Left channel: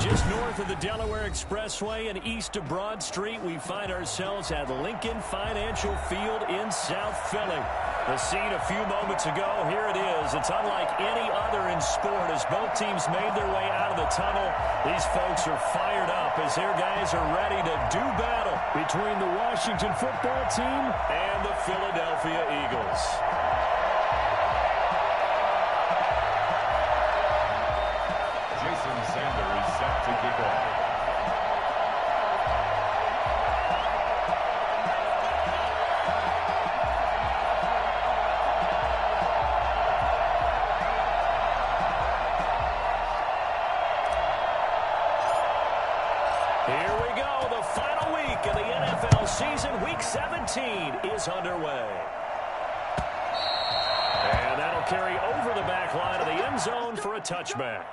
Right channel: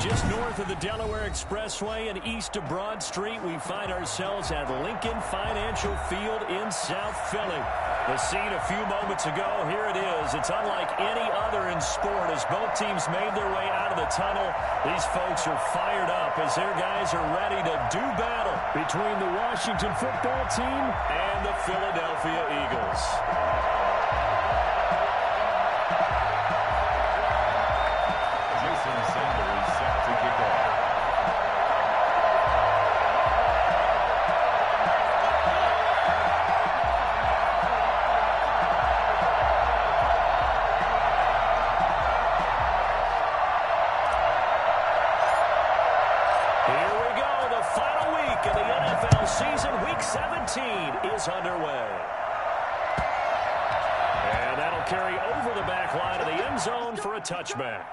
Just north of the Delaware Expressway and east of Broad Street, we find ourselves at Lincoln Financial Field in South Philly. The scene a few moments ago, here it is. It's unlike any other in sport as both teams made their way out of the tunnel. These folks are fired up as their guys are ready to do battle between the Washington football team and the Philadelphia Eagles. Jason Sander is set to kick off. Here we go. The final week of the NFL season. Week 17 is underway. And that'll carry over the back line of the end zone for a touchback.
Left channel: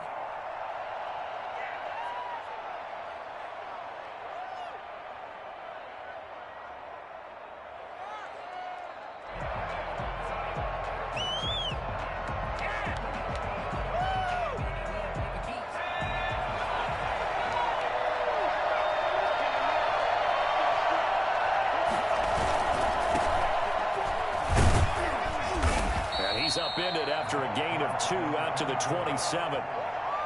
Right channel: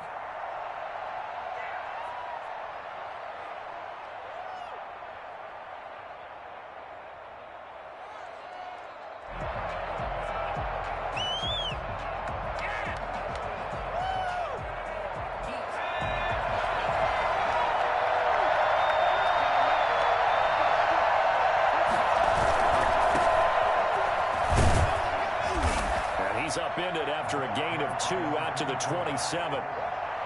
He's upended after a gain of 2 out to the 27.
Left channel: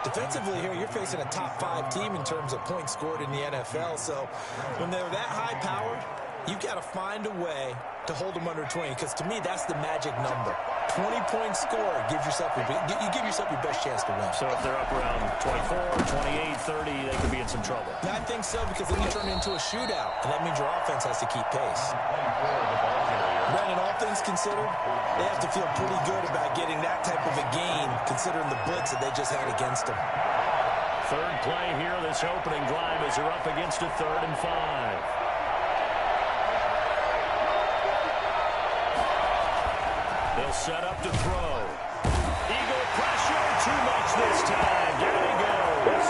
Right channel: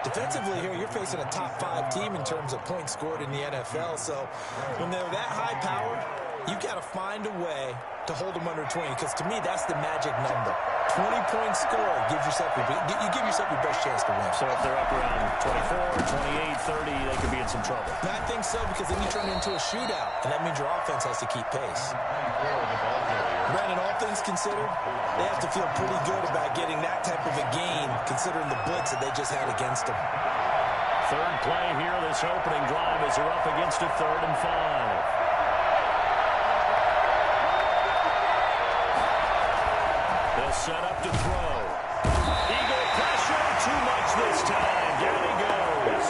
Defensively here, you're facing a top 5 team in terms of points scored in the NFL. So when they're that high powered, you've got to find a way to hold them under 20. Because to me, that's the magic number. 20-point score gives yourself you give yourself your best chance to win. So if they're up around 24, 28, 30, they could be in some trouble. I think so, because then you turn it into a shootout, and that means your offense has to keep pace. Brandon, all things considered, they have to feel pretty good about getting that type of a gain, considering the blitz that they just had against them. Third play here, this opening drive, as they're up against a 3rd and 5. They'll set up to throw. Eagle pressure, too much this time. Down he goes.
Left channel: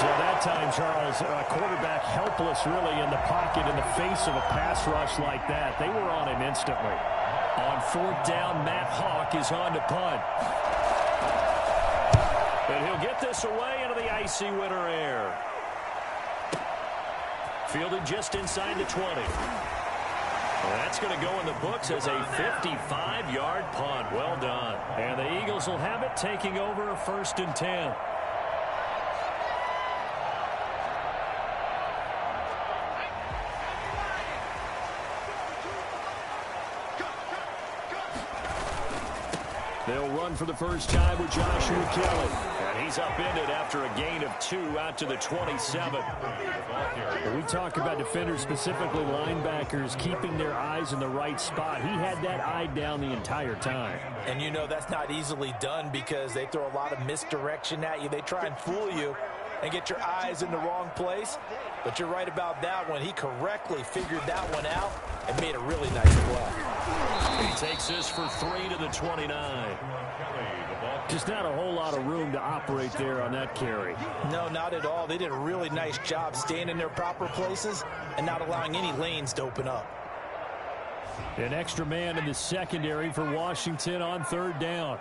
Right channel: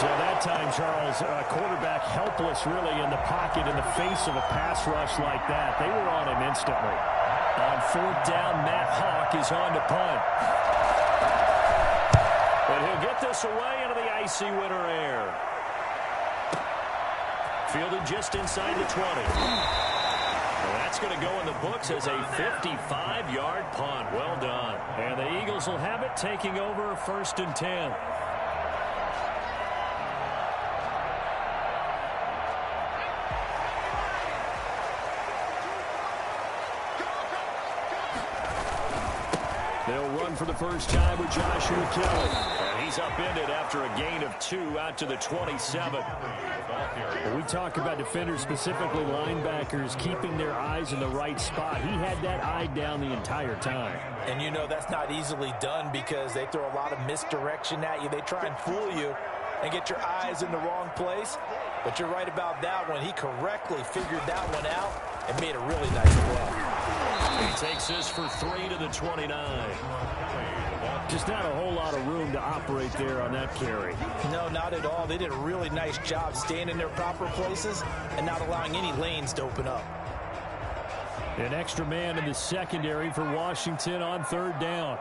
So that time, Charles, quarterback helpless really in the pocket in the face of a pass rush like that. They were on him instantly. On 4th down, Matt Hawk is on to punt. But he'll get this away into the icy winter air. Fielded just inside the 20. Well, that's going to go in the books as a 55-yard punt. Well done. And the Eagles will have it, taking over 1st and 10. They'll run for the first time with Joshua Kelly. And he's upended after a gain of 2 out to the 27. When we talk about defenders, specifically linebackers, keeping their eyes in the right spot, he had that eye down the entire time. And you know that's not easily done because they throw a lot of misdirection at you. They try and fool you and get your eyes in the wrong place. But you're right about that one. He correctly figured that one out and made a really nice play. He takes this for 3 to the 29. Just not a whole lot of room to operate there on that carry. No, not at all. They did a really nice job staying in their proper places and not allowing any lanes to open up. An extra man in the secondary for Washington on 3rd down.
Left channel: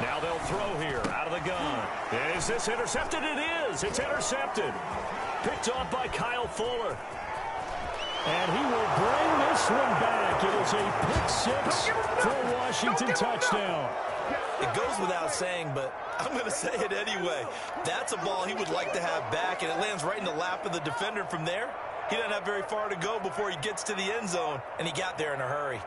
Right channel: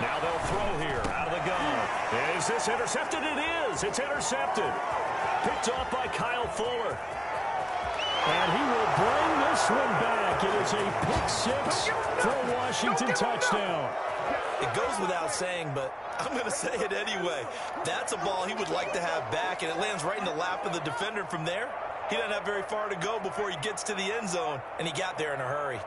Now they'll throw here out of the gun. Is this intercepted? It is. It's intercepted. Picked off by Kyle Fuller. And he will bring this one back. It is a pick-6 for a Washington touchdown. It goes without saying, but I'm going to say it anyway. That's a ball he would like to have back, and it lands right in the lap of the defender from there. He doesn't have very far to go before he gets to the end zone, and he got there in a hurry.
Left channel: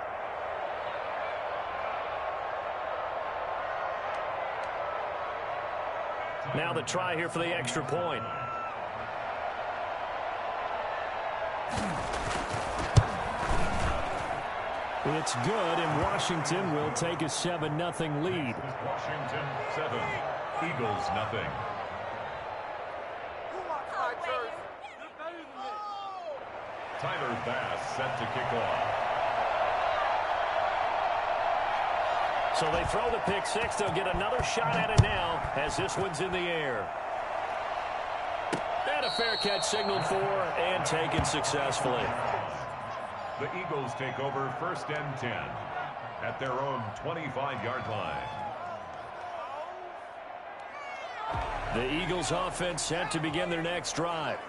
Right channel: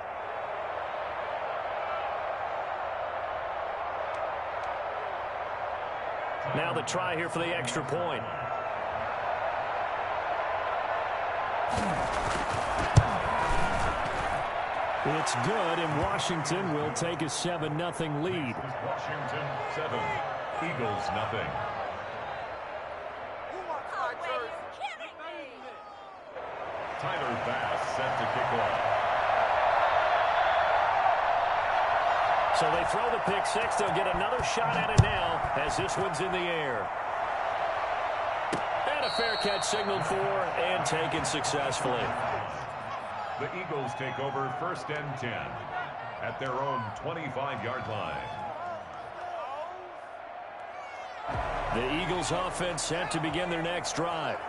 Now the try here for the extra point. It's good, and Washington will take a 7-0 lead. Washington 7, Eagles 0. Tyler Bass set to kick off. So they throw the pick 6. They'll get another shot at it now as this one's in the air. And a fair catch signaled for and taken successfully. The Eagles take over 1st and 10 at their own 25-yard line. The Eagles offense set to begin their next drive.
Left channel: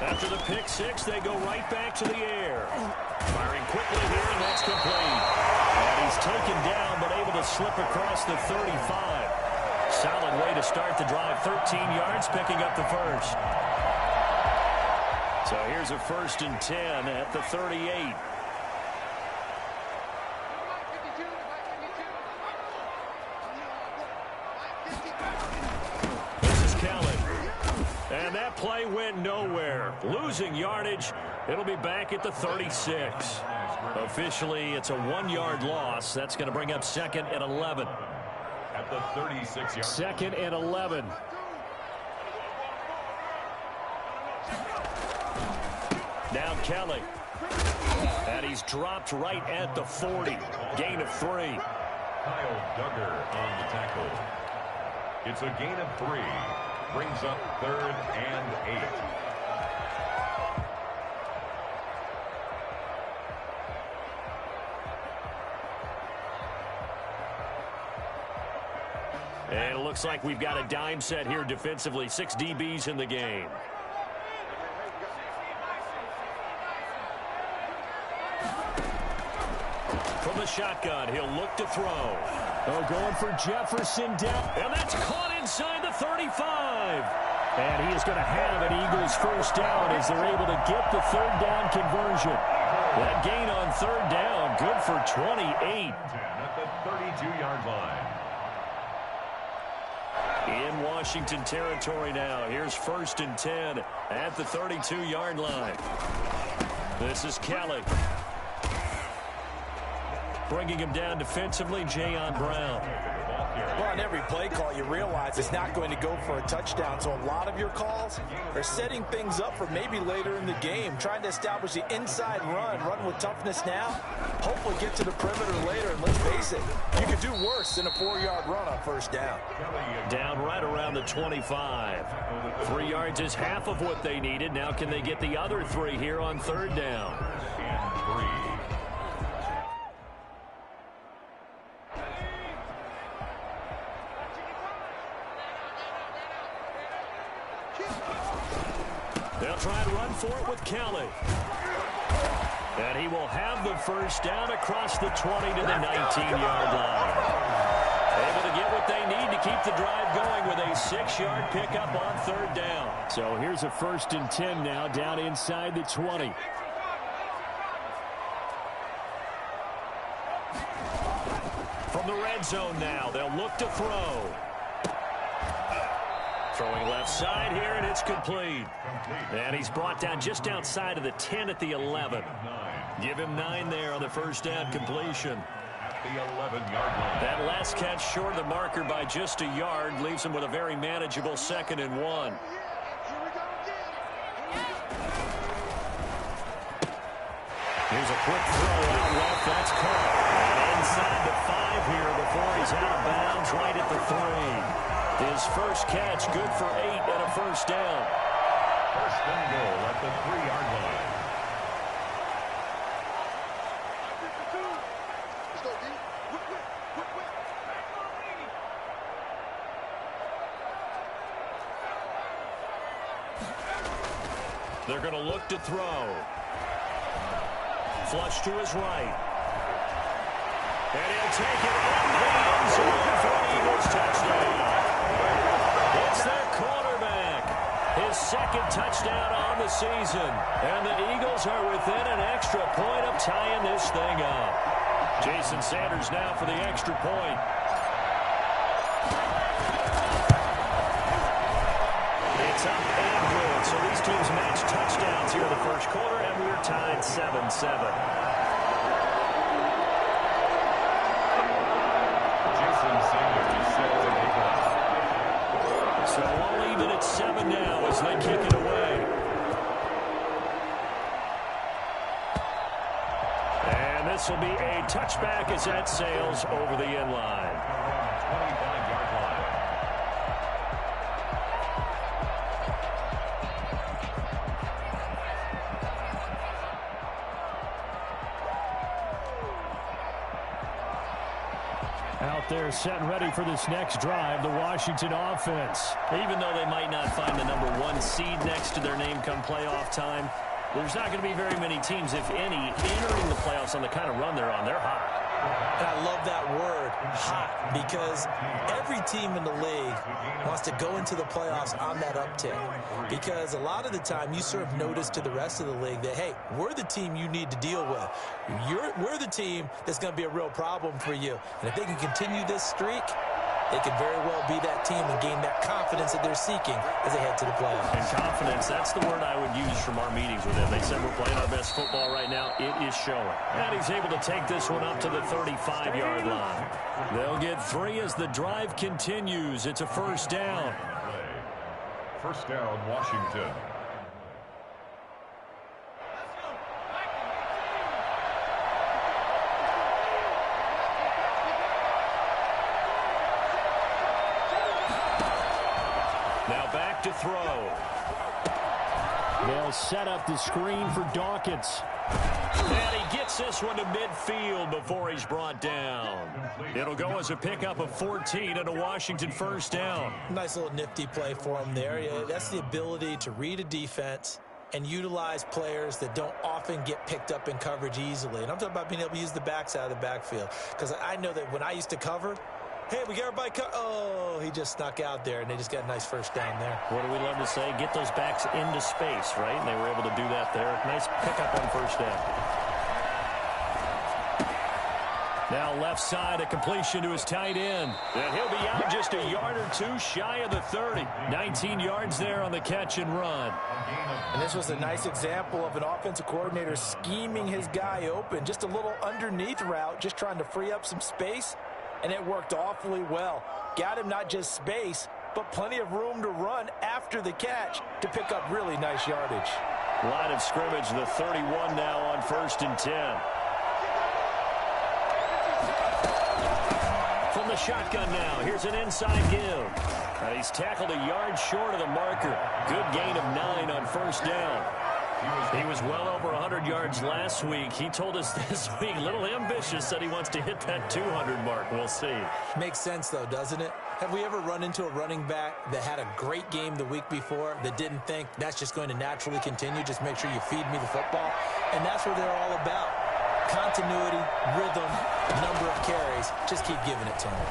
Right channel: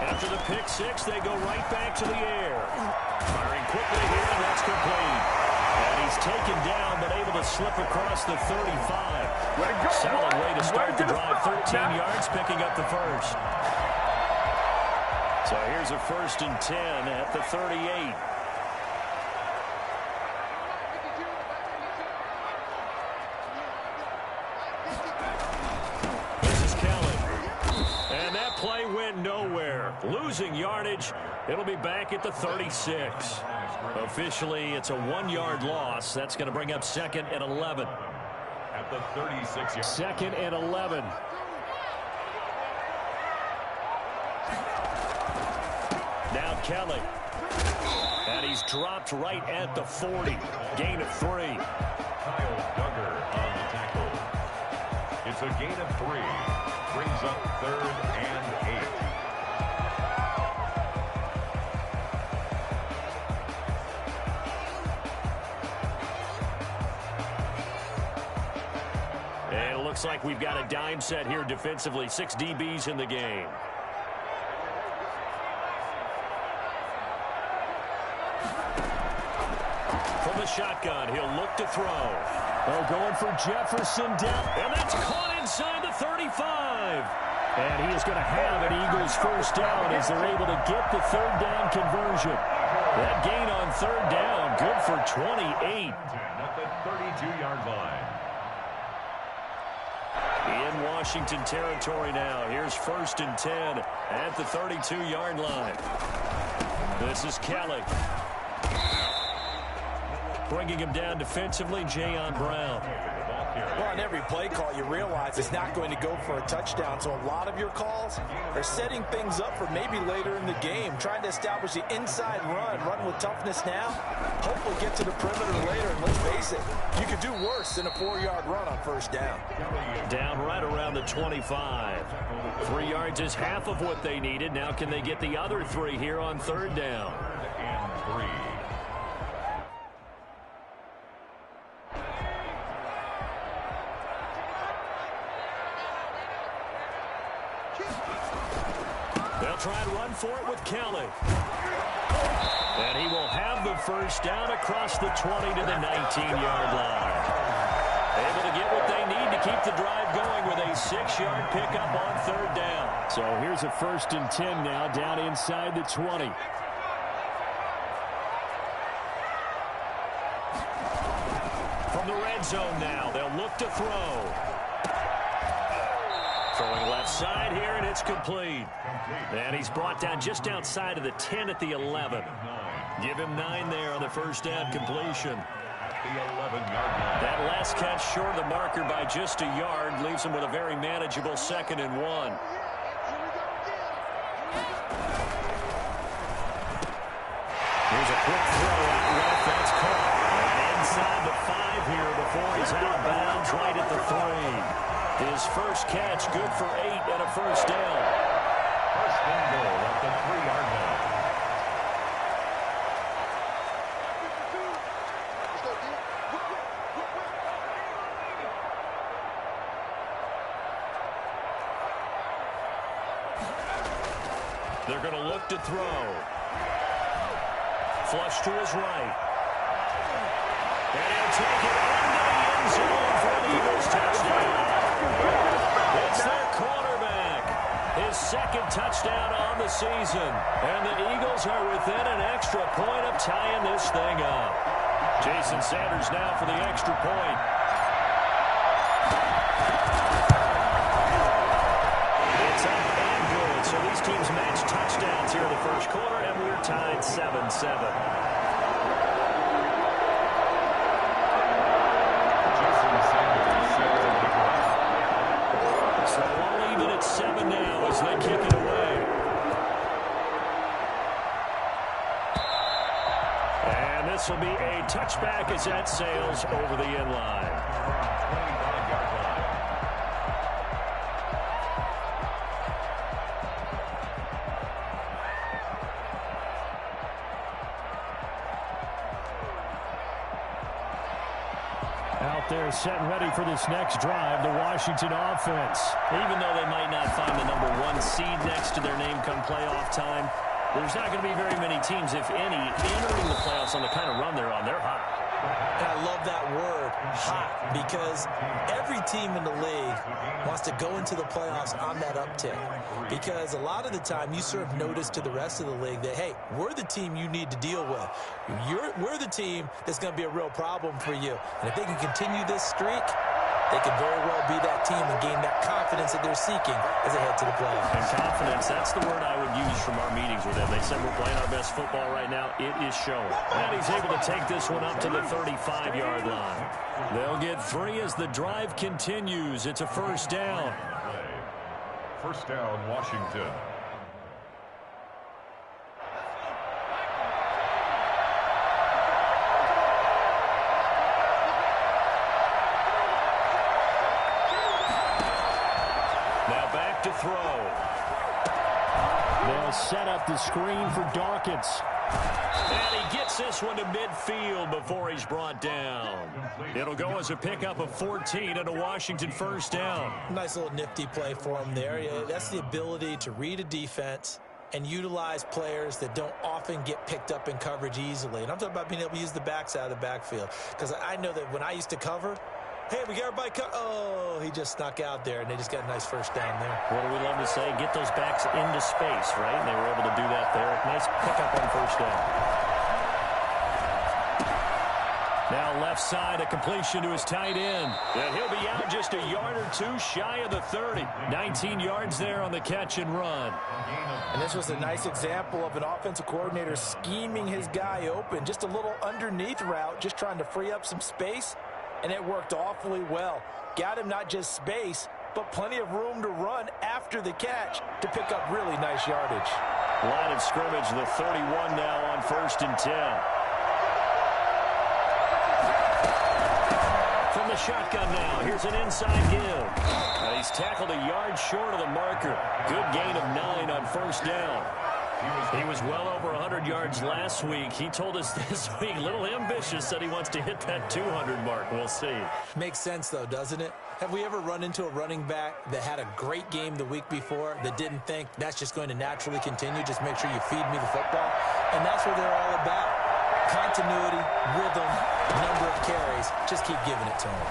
After the pick six, they go right back to the air. Firing quickly here, and that's complete. And he's taken down, but able to slip across the 35. Solid way to start the drive. 13 yards, picking up the first. So here's a 1st and 10 at the 38. This is Kelly. And that play went nowhere. Losing yardage. It'll be back at the 36. Officially, it's a 1-yard loss. That's going to bring up 2nd and 11. At the 36-yard. 2nd and 11. Now Kelly. And he's dropped right at the 40. Gain of 3. Kyle Duggar on the tackle. It's a gain of 3. Brings up 3rd and 8. And it looks like we've got a dime set here defensively. 6 DBs in the game. From the shotgun, he'll look to throw. Oh, going for Jefferson down. And that's caught inside the 35. And he is going to have an Eagles first down as they're able to get the 3rd down conversion. That gain on 3rd down, good for 28. At the 32-yard line. In Washington territory now. Here's 1st and 10 at the 32-yard line. This is Kelly. Bringing him down defensively, Jayon Brown. Well, on every play call, you realize it's not going to go for a touchdown. So a lot of your calls are setting things up for maybe later in the game, trying to establish the inside run with toughness now, hopefully get to the perimeter later. And let's face it, you could do worse than a 4-yard run on 1st down. Down right around the 25. 3 yards is half of what they needed. Now can they get the other 3 here on 3rd down? And 3. They'll try and run for it with Kelly. And he will have the first down across the 20 to the 19-yard line. Able to get what they need to keep the drive going with a 6-yard pickup on 3rd down. So here's a 1st and 10 now down inside the 20. From the red zone now, they'll look to throw. Throwing left side here, and it's complete. And he's brought down just outside of the 10 at the 11. Give him 9 there on the first down completion. At the 11-yard line. That last catch short of the marker by just a yard leaves him with a very manageable 2nd and 1. Here's a quick throw out left. That's caught. And inside the 5 here before he's out of bounds right at the 3. His first catch, good for 8 and a first down. 1st and goal at the 3-yard line. They're going to look to throw. Flush to his right. And he'll take it into the end zone for an Eagles touchdown. It's their quarterback. His 2nd touchdown on the season. And the Eagles are within an extra point of tying this thing up. Jason Sanders now for the extra point. It's up and good. So these teams match touchdowns here in the first quarter, and we're tied 7-7. So all even at 7 now as they kick it away. And this will be a touchback as that sails over the end line. 25-yard line. Out there set and ready for this next drive, the Washington offense. Even though they might not find the number 1 seed next to their name come playoff time, there's not going to be very many teams, if any, entering the playoffs on the kind of run they're on. They're hot. And I love that word, hot, because every team in the league wants to go into the playoffs on that uptick. Because a lot of the time you serve notice to the rest of the league that, hey, we're the team you need to deal with. We're the team that's going to be a real problem for you. And if they can continue this streak, they could very well be that team and gain that confidence that they're seeking as they head to the playoffs. And confidence, that's the word I would use from our meetings with them. They said we're playing our best football right now. It is showing. And he's able to take this one up to the 35-yard line. They'll get 3 as the drive continues. It's a first down. First down, Washington. Now back to throw. They'll set up the screen for Dawkins. And he gets this one to midfield before he's brought down. It'll go as a pickup of 14 and a Washington first down. Nice little nifty play for him there. Yeah, that's the ability to read a defense and utilize players that don't often get picked up in coverage easily. And I'm talking about being able to use the backside of the backfield. Because I know that when I used to cover, hey, we got everybody oh, he just snuck out there, and they just got a nice first down there. What do we love to say? Get those backs into space, right? And they were able to do that there. Nice pickup on first down. Now left side, a completion to his tight end. And he'll be out just a yard or 2 shy of the 30. 19 yards there on the catch and run. And this was a nice example of an offensive coordinator scheming his guy open. Just a little underneath route, just trying to free up some space. And it worked awfully well. Got him not just space, but plenty of room to run after the catch to pick up really nice yardage. Line of scrimmage, the 31 now on 1st and 10. From the shotgun now, here's an inside give. And he's tackled a yard short of the marker. Good gain of 9 on first down. He was well over 100 yards last week. He told us this week, a little ambitious, said he wants to hit that 200 mark. We'll see. Makes sense, though, doesn't it? Have we ever run into a running back that had a great game the week before that didn't think that's just going to naturally continue? Just make sure you feed me the football. And that's what they're all about. Continuity, rhythm, number of carries. Just keep giving it to him.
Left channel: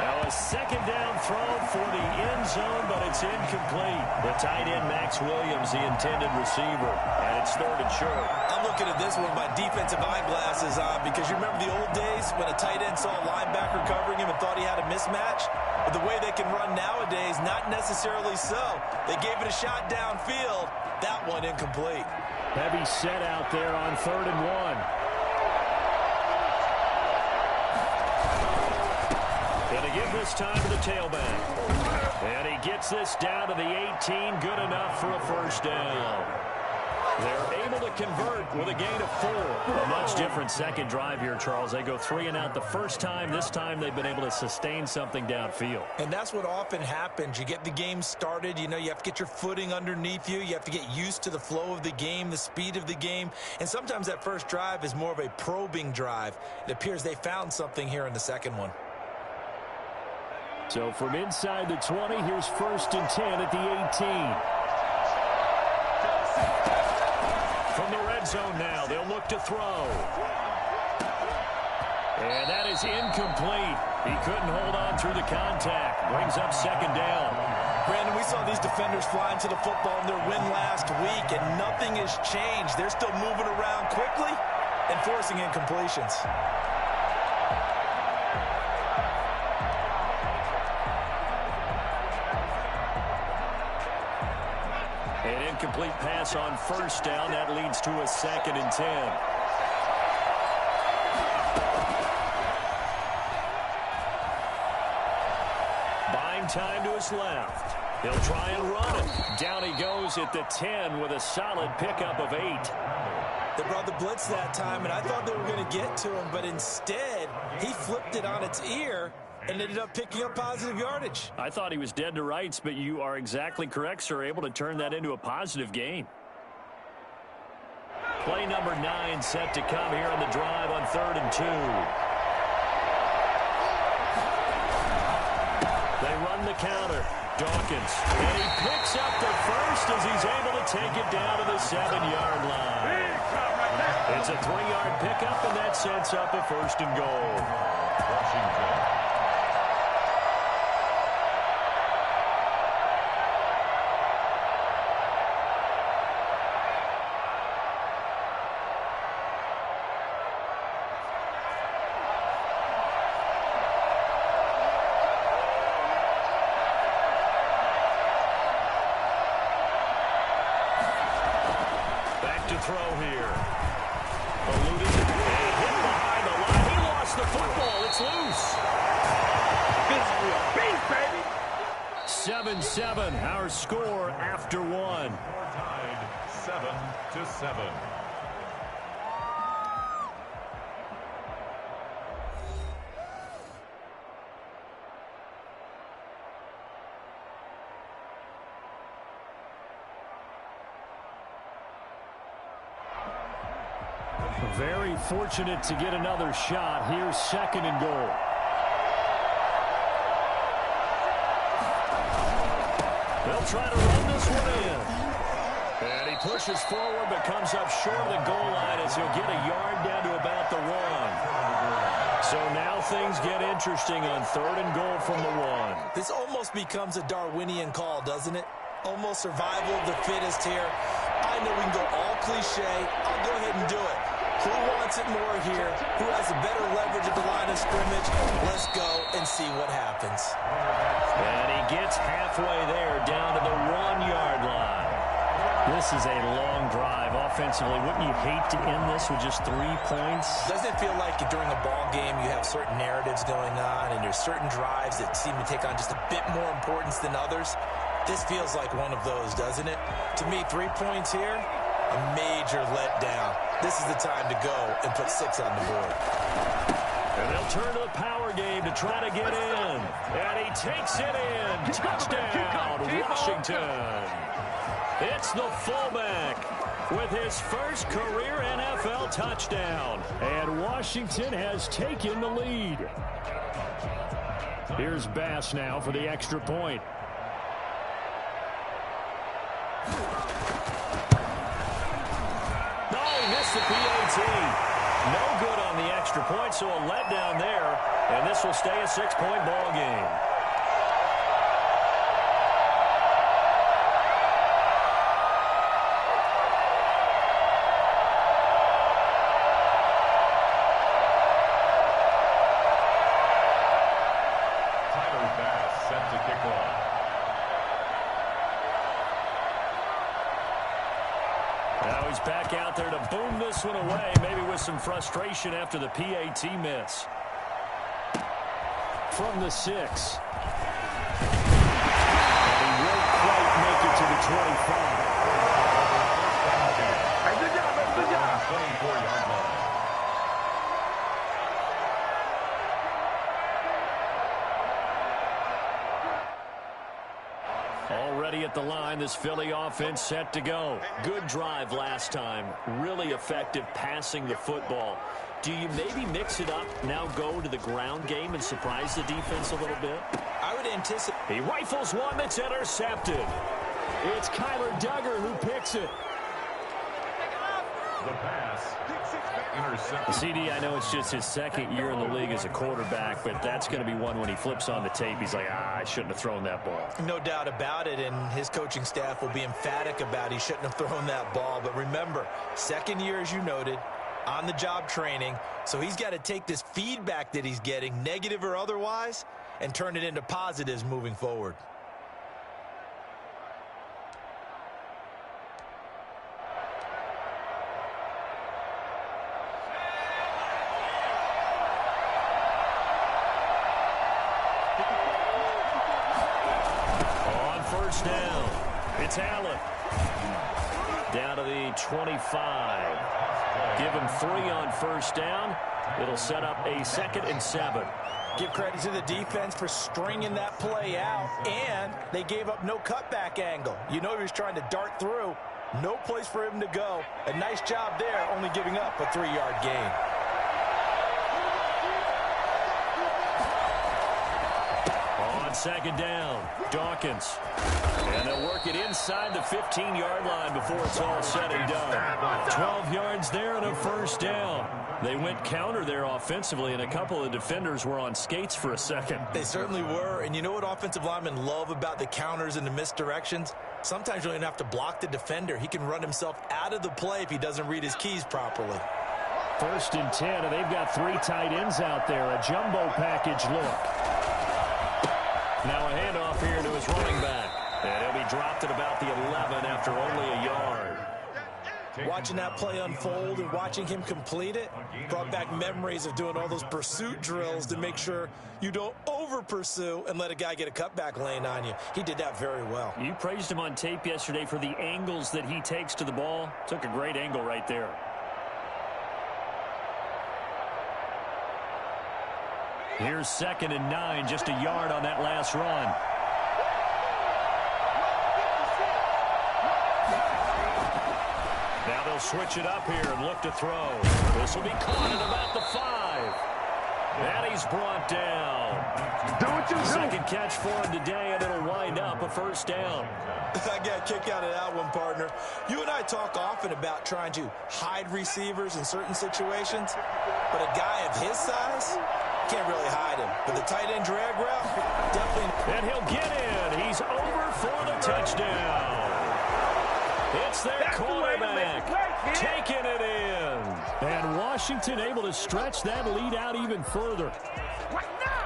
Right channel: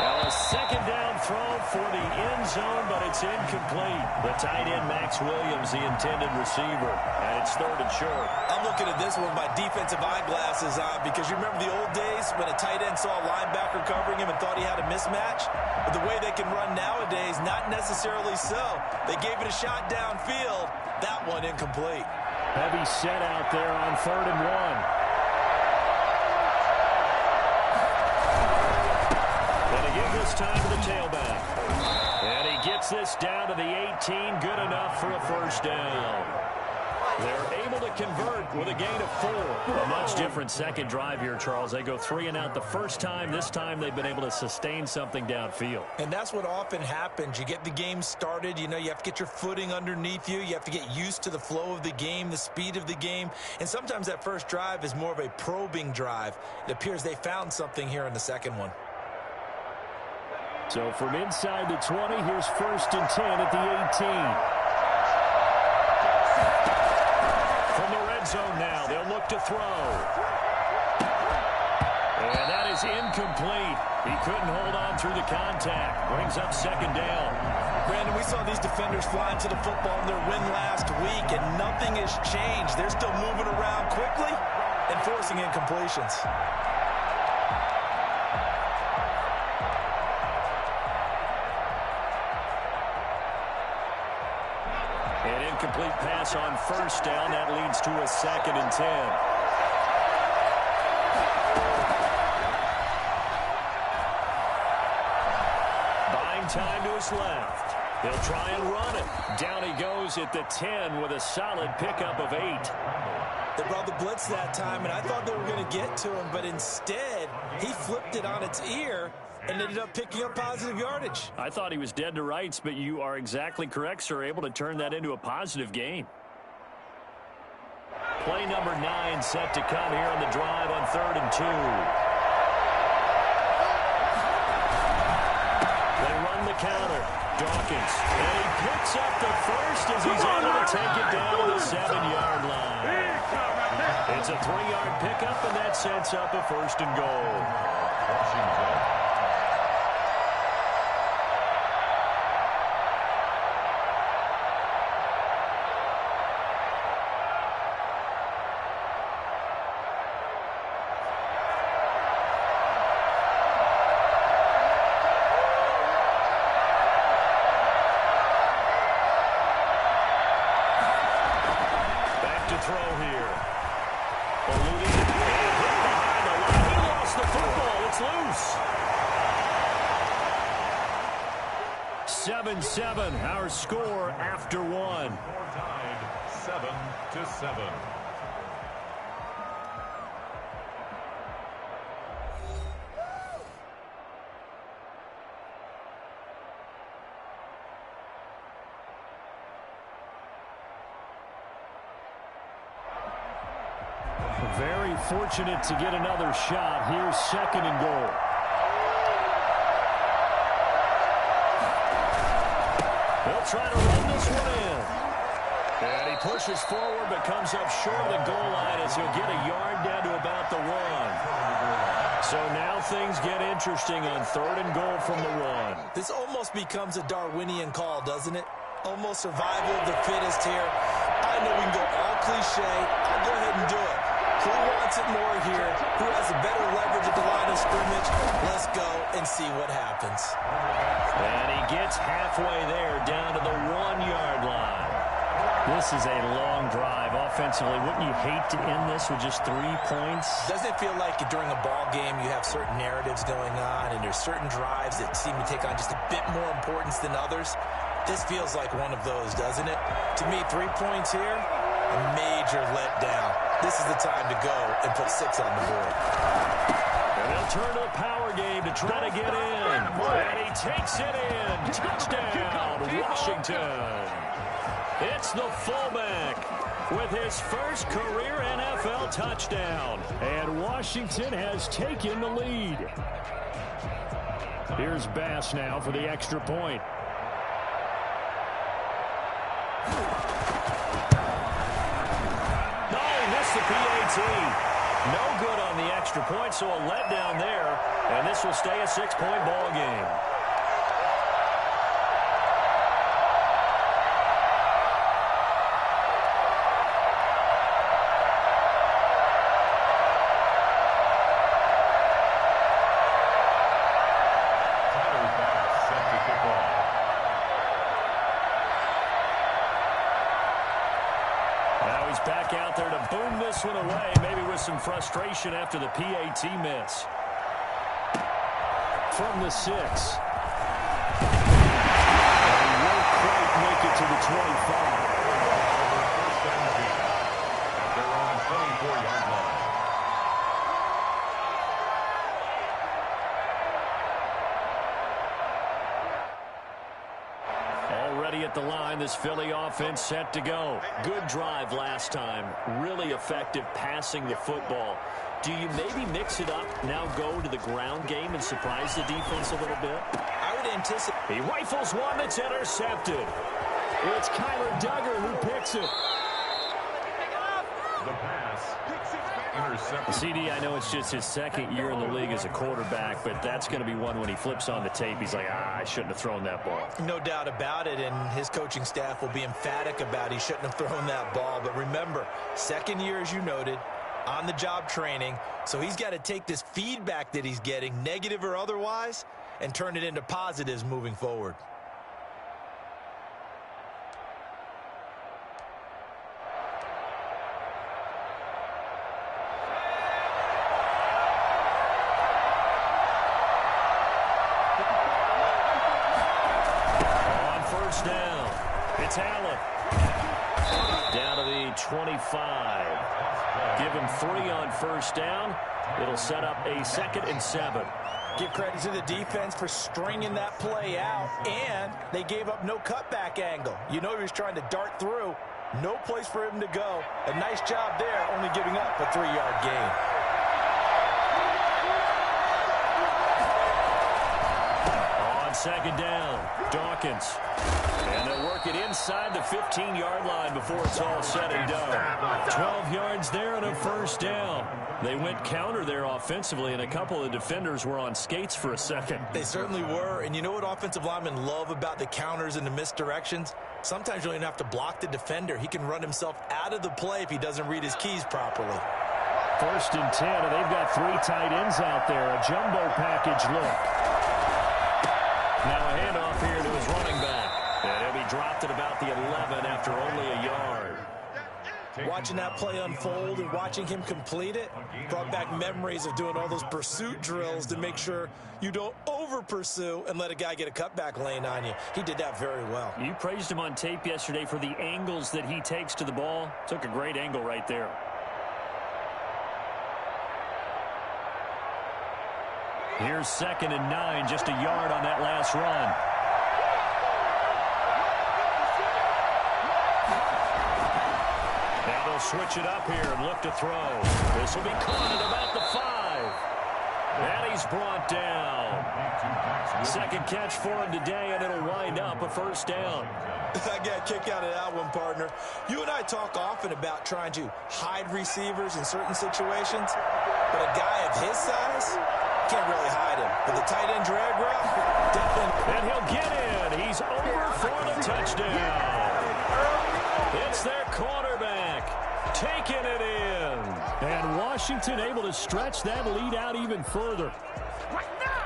Now a second down throw for the end zone, but it's incomplete. The tight end, Max Williams, the intended receiver, and it's 3rd and short. I'm looking at this one with my defensive eyeglasses on because you remember the old days when a tight end saw a linebacker covering him and thought he had a mismatch? But the way they can run nowadays, not necessarily so. They gave it a shot downfield. That one incomplete. Heavy set out there on 3rd and 1. Going to give this time to the tailback. And he gets this down to the 18. Good enough for a first down. They're able to convert with a gain of 4. A much different second drive here, Charles. They go 3 and out the first time. This time they've been able to sustain something downfield. And that's what often happens. You get the game started. You know, you have to get your footing underneath you. You have to get used to the flow of the game, the speed of the game. And sometimes that first drive is more of a probing drive. It appears they found something here in the second one. So from inside the 20, here's 1st and 10 at the 18. From the red zone now, they'll look to throw. And that is incomplete. He couldn't hold on through the contact. Brings up 2nd down. Brandon, we saw these defenders flying to the football in their win last week, and nothing has changed. They're still moving around quickly and forcing incompletions. An incomplete pass on first down. That leads to a 2nd and 10. Buying time to his left. He'll try and run it. Down he goes at the 10 with a solid pickup of 8. They brought the blitz that time, and I thought they were going to get to him, but instead, he flipped it on its ear and ended up picking up positive yardage. I thought he was dead to rights, but you are exactly correct, sir. Able to turn that into a positive gain. Play number 9 set to come here on the drive on 3rd and 2. They run the counter. Dawkins. And he picks up the first as he's able to take it down to the 7-yard line. It's a 3-yard pickup, and that sets up a 1st and goal. Washington. Throw here. Eluding and hit behind the line. He lost the football. It's loose. 7-7, our score after one. Score tied 7-7. Very fortunate to get another shot. Here's 2nd and goal. They'll try to run this one in. And he pushes forward but comes up short of the goal line as he'll get a yard down to about the 1. So now things get interesting on 3rd and goal from the 1. This almost becomes a Darwinian call, doesn't it? Almost survival of the fittest here. I know we can go all cliche. I'll go ahead and do it. Who wants it more here? Who has a better leverage at the line of scrimmage? Let's go and see what happens. And he gets halfway there down to the 1-yard line. This is a long drive offensively. Wouldn't you hate to end this with just 3 points? Doesn't it feel like during a ball game you have certain narratives going on and there's certain drives that seem to take on just a bit more importance than others? This feels like one of those, doesn't it? To me, 3 points here, a major letdown. This is the time to go and put 6 on the board. And they'll turn to the power game to try to get in. And he takes it in. Touchdown, Washington. It's the fullback with his first career NFL touchdown. And Washington has taken the lead. Here's Bass now for the extra point. The PAT. No good on the extra point, so a letdown there, and this will stay a 6-point ball game. Tyler Bass set to kick off. Now he's back out there to boom this one away, maybe with some frustration after the PAT miss. From the 6. And he won't quite make it to the 25. First down game at their own 24-yard line. Already at the line, this Philly offense set to go. Good drive last time. Really effective passing the football. Do you maybe mix it up, now go to the ground game and surprise the defense a little bit? I would anticipate. He rifles one that's intercepted. It's Kyler Duggar who picks it. The pass. Intercepted. CD, I know it's just his 2nd year in the league as a quarterback, but that's going to be one when he flips on the tape. He's like, I shouldn't have thrown that ball. No doubt about it, and his coaching staff will be emphatic about he shouldn't have thrown that ball. But remember, 2nd year, as you noted, on-the-job training, so he's got to take this feedback that he's getting, negative or otherwise, and turn it into positives moving forward. First down. It's Allen. Down to the 25. Give him 3 on first down. It'll set up a 2nd and 7. Give credit to the defense for stringing that play out, and they gave up no cutback angle. You know he was trying to dart through. No place for him to go. A nice job there, only giving up a 3-yard gain. On On second down, Dawkins. And they'll work it inside the 15-yard line before it's all said and done. 12 yards there and a first down. They went counter there offensively, and a couple of defenders were on skates for a second. They certainly were. And you know what offensive linemen love about the counters and the misdirections? Sometimes you don't even have to block the defender. He can run himself out of the play if he doesn't read his keys properly. 1st and 10, and they've got 3 tight ends out there. A jumbo package look. Now a handoff here to his running back. And he'll be dropped at about the 11 after only a yard. Watching that play unfold and watching him complete it brought back memories of doing all those pursuit drills to make sure you don't over-pursue and let a guy get a cutback lane on you. He did that very well. You praised him on tape yesterday for the angles that he takes to the ball. Took a great angle right there. Here's 2nd and 9, just a yard on that last run. Now they'll switch it up here and look to throw. This will be caught at about the 5. And he's brought down. 2nd catch for him today, and it'll wind up a first down. I got a kick out of that one, partner. You and I talk often about trying to hide receivers in certain situations, but a guy of his size can't really hide him. But the tight end drag route, definitely. And he'll get in. He's over for the touchdown. It's their quarterback taking it in. And Washington able to stretch that lead out even further.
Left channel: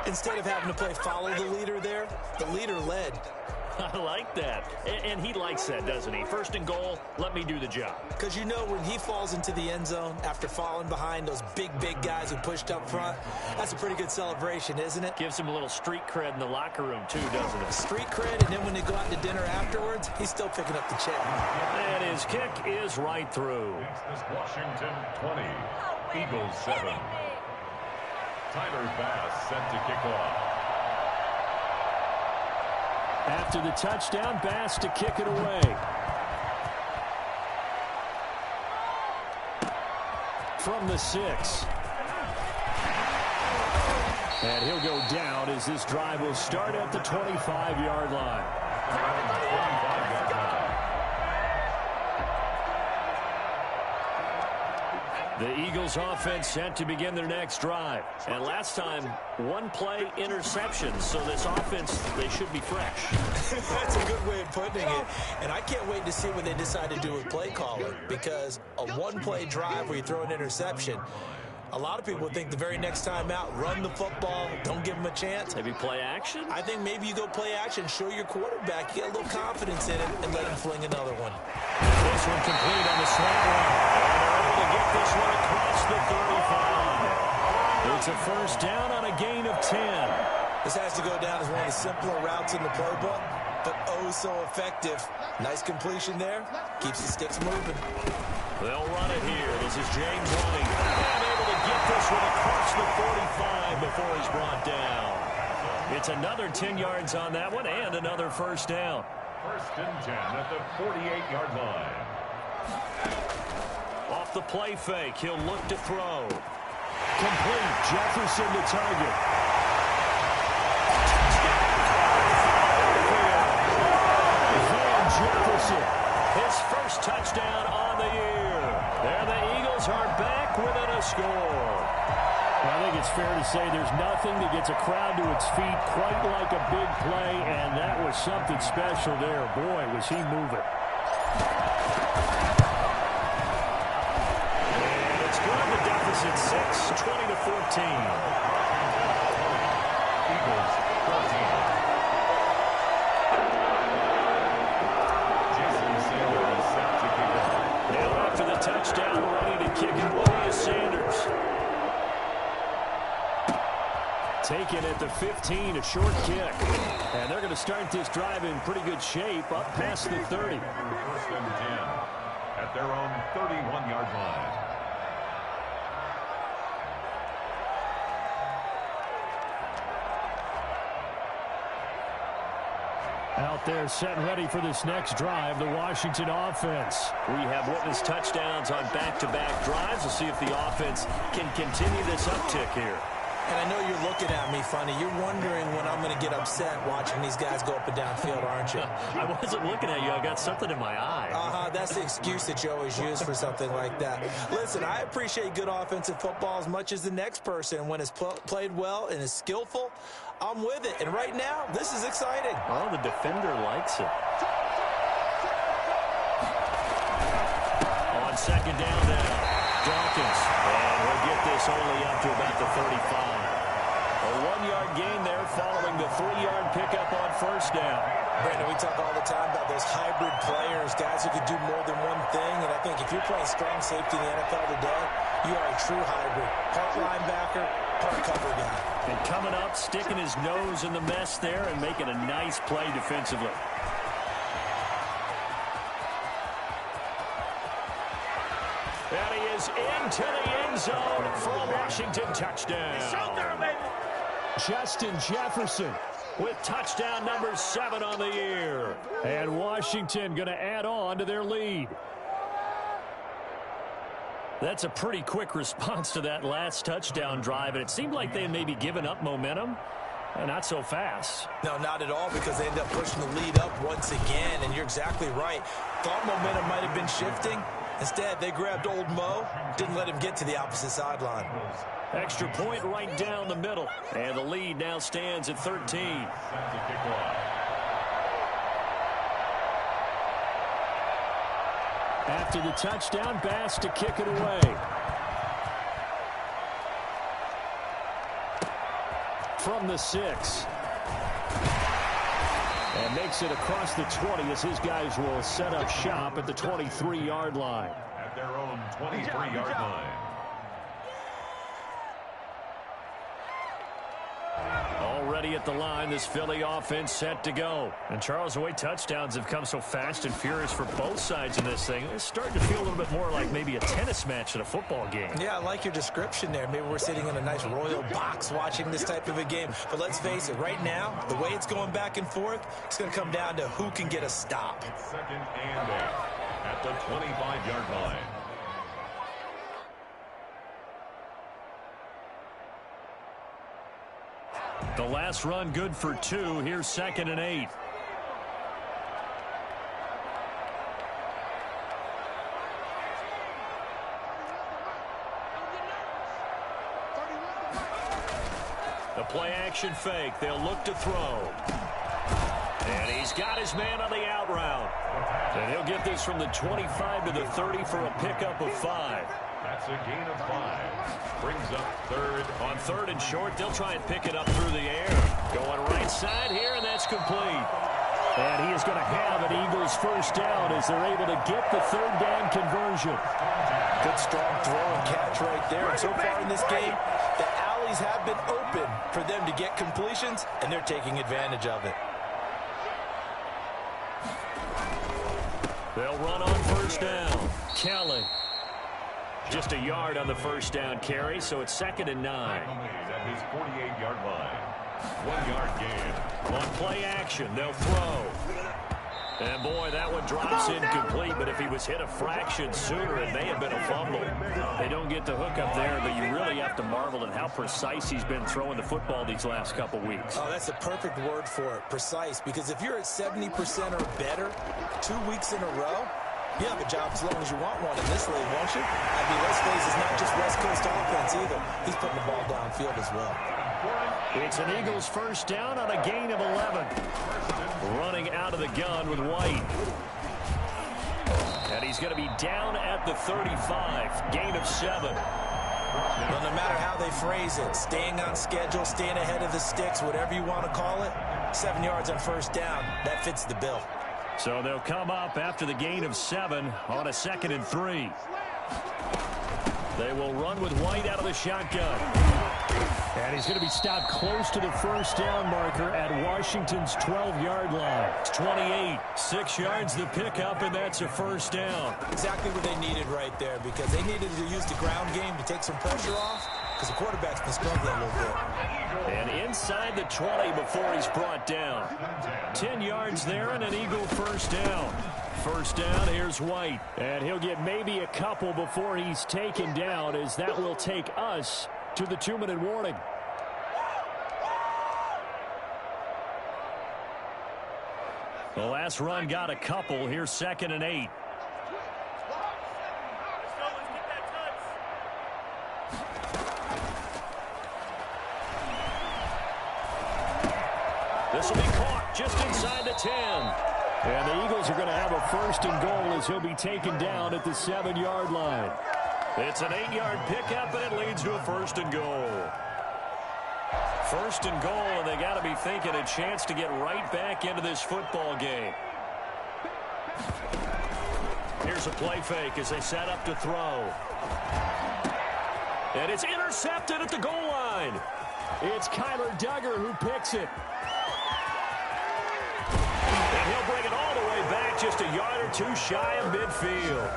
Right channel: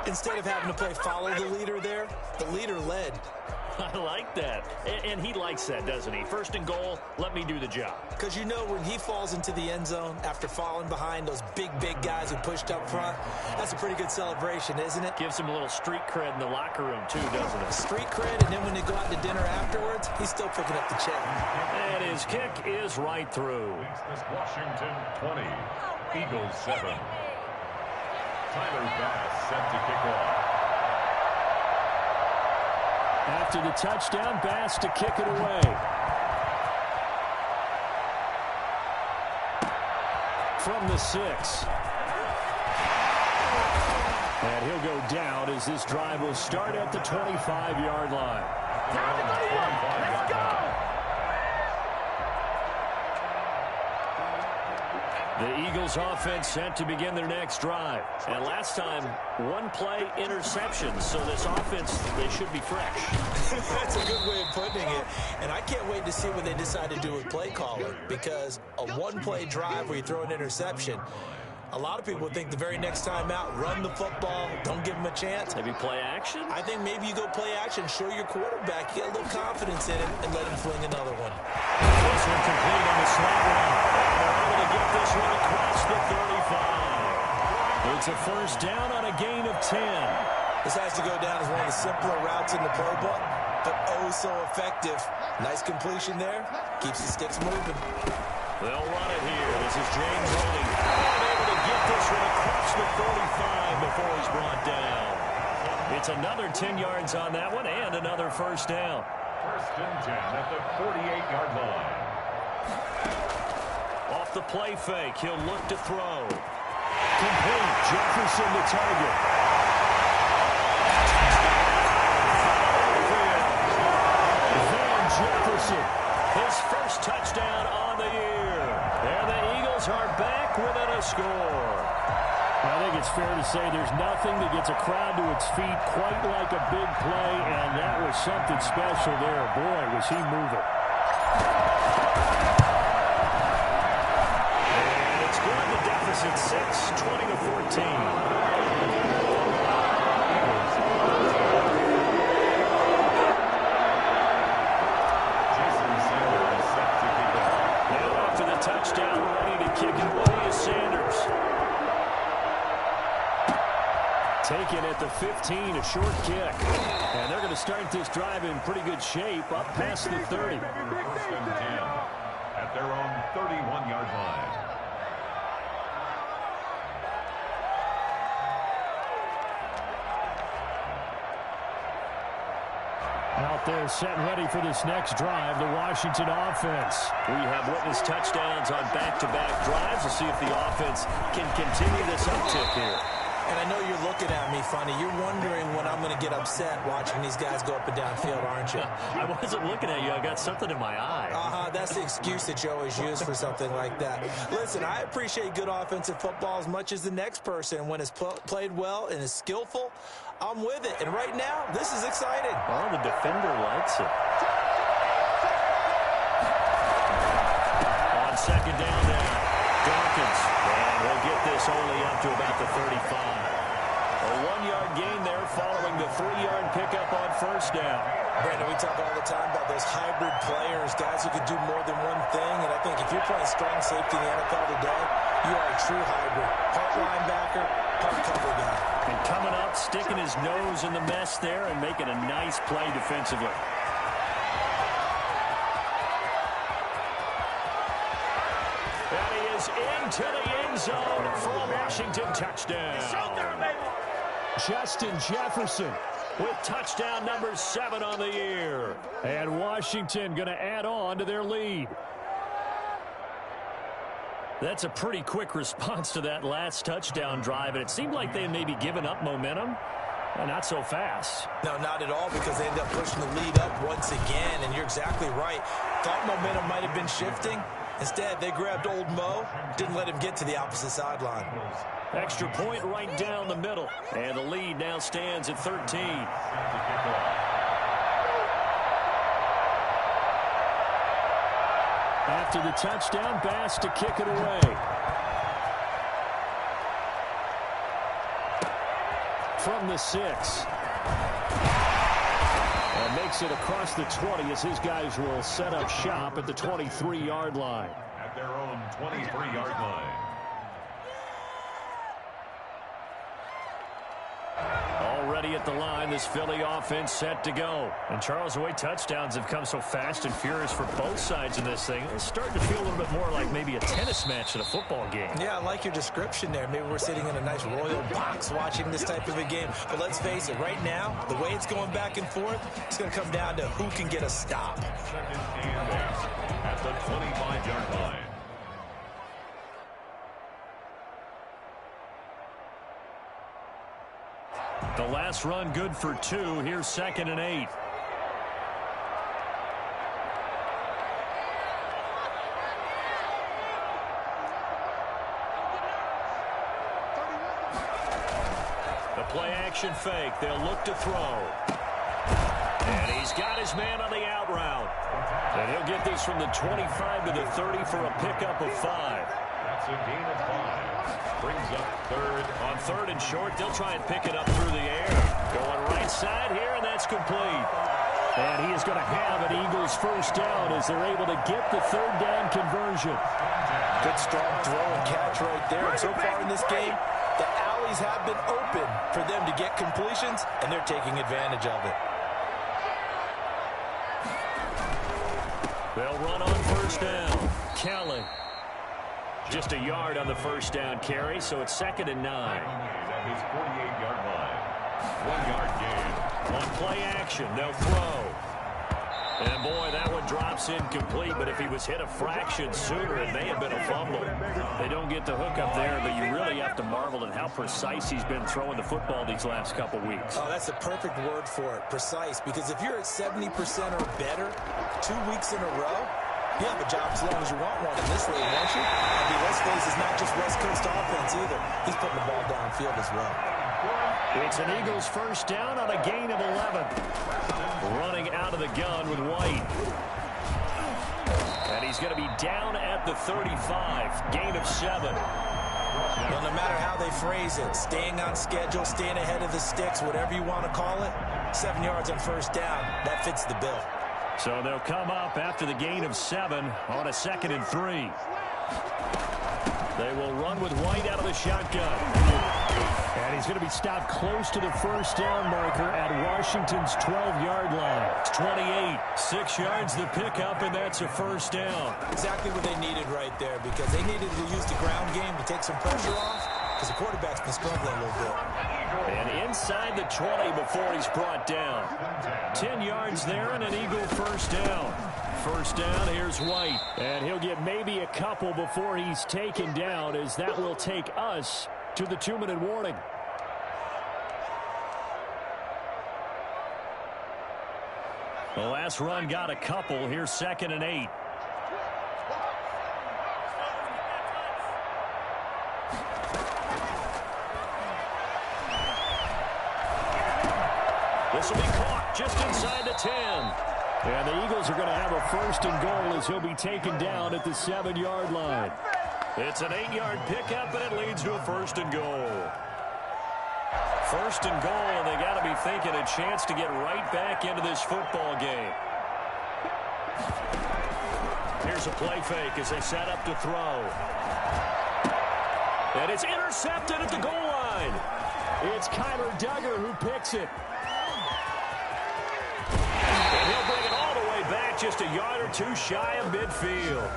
Instead of having to play follow the leader there, the leader led. I like that. And he likes that, doesn't he? 1st and goal, let me do the job. Because you know when he falls into the end zone after falling behind those big guys who pushed up front, that's a pretty good celebration, isn't it? Gives him a little street cred in the locker room, too, doesn't it? Street cred, and then when they go out to dinner afterwards, he's still picking up the check. And his kick is right through. Makes this Washington 20, Eagles 7. Tyler Bass set to kick off. After the touchdown, Bass to kick it away. From the 6. And he'll go down as this drive will start at the 25-yard line. The Eagles offense set to begin their next drive. And last time, 1 play interception. So this offense, they should be fresh. That's a good way of putting it. And I can't wait to see what they decide to do with play calling. Because a 1-play drive where you throw an interception, a lot of people think the very next time out, run the football, don't give them a chance. Maybe play action? I think maybe you go play action, show your quarterback, get a little confidence in it, and let him fling another one. This one complete on the slant run. And they're able to get this one across the 35. It's a first down on a gain of 10. This has to go down as one of the simpler routes in the playbook, but oh so effective. Nice completion there. Keeps the sticks moving. They'll run it here. This is James running. And able to get this one across the 45 before he's brought down. It's another 10 yards on that one and another first down. 1st and 10 at the 48-yard line. Off the play fake, he'll look to throw. Complete. Jefferson to target. Van Jefferson. His first touchdown on the year. And the Eagles are back within a score. I think it's fair to say there's nothing that gets a crowd to its feet quite like a big play, and that was something special there. Boy, was he moving. And it's good. The deficit 6, 20-14. After the touchdown, ready to kick it away is Sanders. Taken at the 15, a short kick. And they're going to start this drive in pretty good shape, up past the 30. 1st and 10 at their own 31-yard line. Out there set and ready for this next drive, the Washington offense. We have witnessed touchdowns on back-to-back drives. We'll see if the offense can continue this uptick here. And I know you're looking at me funny. You're wondering when I'm going to get upset watching these guys go up and down field, aren't you? I wasn't looking at you. I got something in my eye. That's the excuse that you always use for something like that. Listen, I appreciate good offensive football as much as the next person. When it's played well and is skillful, I'm with it. And right now, this is exciting. Oh, the defender likes it. On second down now. Dawkins, and he'll get this only up to about the 35. A 1-yard gain there following the 3-yard pickup on first down. Brandon, we talk all the time about those hybrid players, guys who can do more than one thing, and I think if you're playing strong safety in the NFL today, you are a true hybrid. Part linebacker, part cover guy. And coming up, sticking his nose in the mess there and making a nice play defensively. And he is into the end zone for a Washington touchdown. Justin Jefferson with touchdown number 7 on the year. And Washington going to add on to their lead. That's a pretty quick response to that last touchdown drive, and it seemed like they had maybe given up momentum. Not so fast. No, not at all, because they ended up pushing the lead up once again, and you're exactly right. Thought momentum might have been shifting. Instead, they grabbed old Mo, didn't let him get to the opposite sideline. Extra point right down the middle, and the lead now stands at 13. After the touchdown, Bass to kick it away. From the 6. And makes it across the 20 as his guys will set up shop at the 23-yard line. At their own 23-yard line. Already at the line, this Philly offense set to go. And Charles, the way touchdowns have come so fast and furious for both sides in this thing, it's starting to feel a little bit more like maybe a tennis match at a football game. Yeah, I like your description there. Maybe we're sitting in a nice royal box watching this type of a game. But let's face it, right now, the way it's going back and forth, it's going to come down to who can get a stop. 2nd and 8 at the 25-yard line. The last run good for 2. Here's 2nd and 8. The play action fake. They'll look to throw. And he's got his man on the out route. And he'll get this from the 25 to the 30 for a pickup of 5. That's a gain of 5. Brings up 3rd. On 3rd and short, they'll try and pick it up through the air. Going right side here, and that's complete. And he is going to have an Eagles first down as they're able to get the 3rd down conversion. Good strong throw and catch right there. And so far in this game, the alleys have been open for them to get completions, and they're taking advantage of it. They'll run on first down. Kelly. Just a yard on the first down carry, so it's 2nd and 9. At his 48-yard line. 1-yard gain. On play action, they'll throw. And boy, that one drops incomplete, but if he was hit a fraction sooner, it may have been a fumble. They don't get the hook up there, but you really have to marvel at how precise he's been throwing the football these last couple weeks. Oh, that's the perfect word for it, precise, because if you're at 70% or better 2 weeks in a row, you have a job as long as you want one in this league, won't you? I mean, let's face it, it's not just West Coast offense either. He's putting the ball downfield as well. It's an Eagles first down on a gain of 11. Running out of the gun with White. And he's going to be down at the 35. Gain of 7. Well, no matter how they phrase it, staying on schedule, staying ahead of the sticks, whatever you want to call it, 7 yards on first down, that fits the bill. So they'll come up after the gain of 7 on a 2nd and 3. They will run with White out of the shotgun. And he's going to be stopped close to the first down marker at Washington's 12-yard line. It's 28, 6 yards the pickup, and that's a first down. Exactly what they needed right there, because they needed to use the ground game to take some pressure off, because the quarterback's been struggling a little bit. And inside the 20 before he's brought down. 10 yards there and an Eagle first down. First down, here's White. And he'll get maybe a couple before he's taken down, as that will take us to the 2-minute warning. The last run got a couple. Here's 2nd and 8. This will be caught just inside the 10. And the Eagles are going to have a 1st and goal as he'll be taken down at the 7-yard line. It's an 8-yard pickup, and it leads to a 1st and goal. 1st and goal, and they got to be thinking a chance to get right back into this football game. Here's a play fake as they set up to throw. And it's intercepted at the goal line. It's Kyler Duggar who picks it. And he'll bring it all the way back, just a yard or two shy of midfield.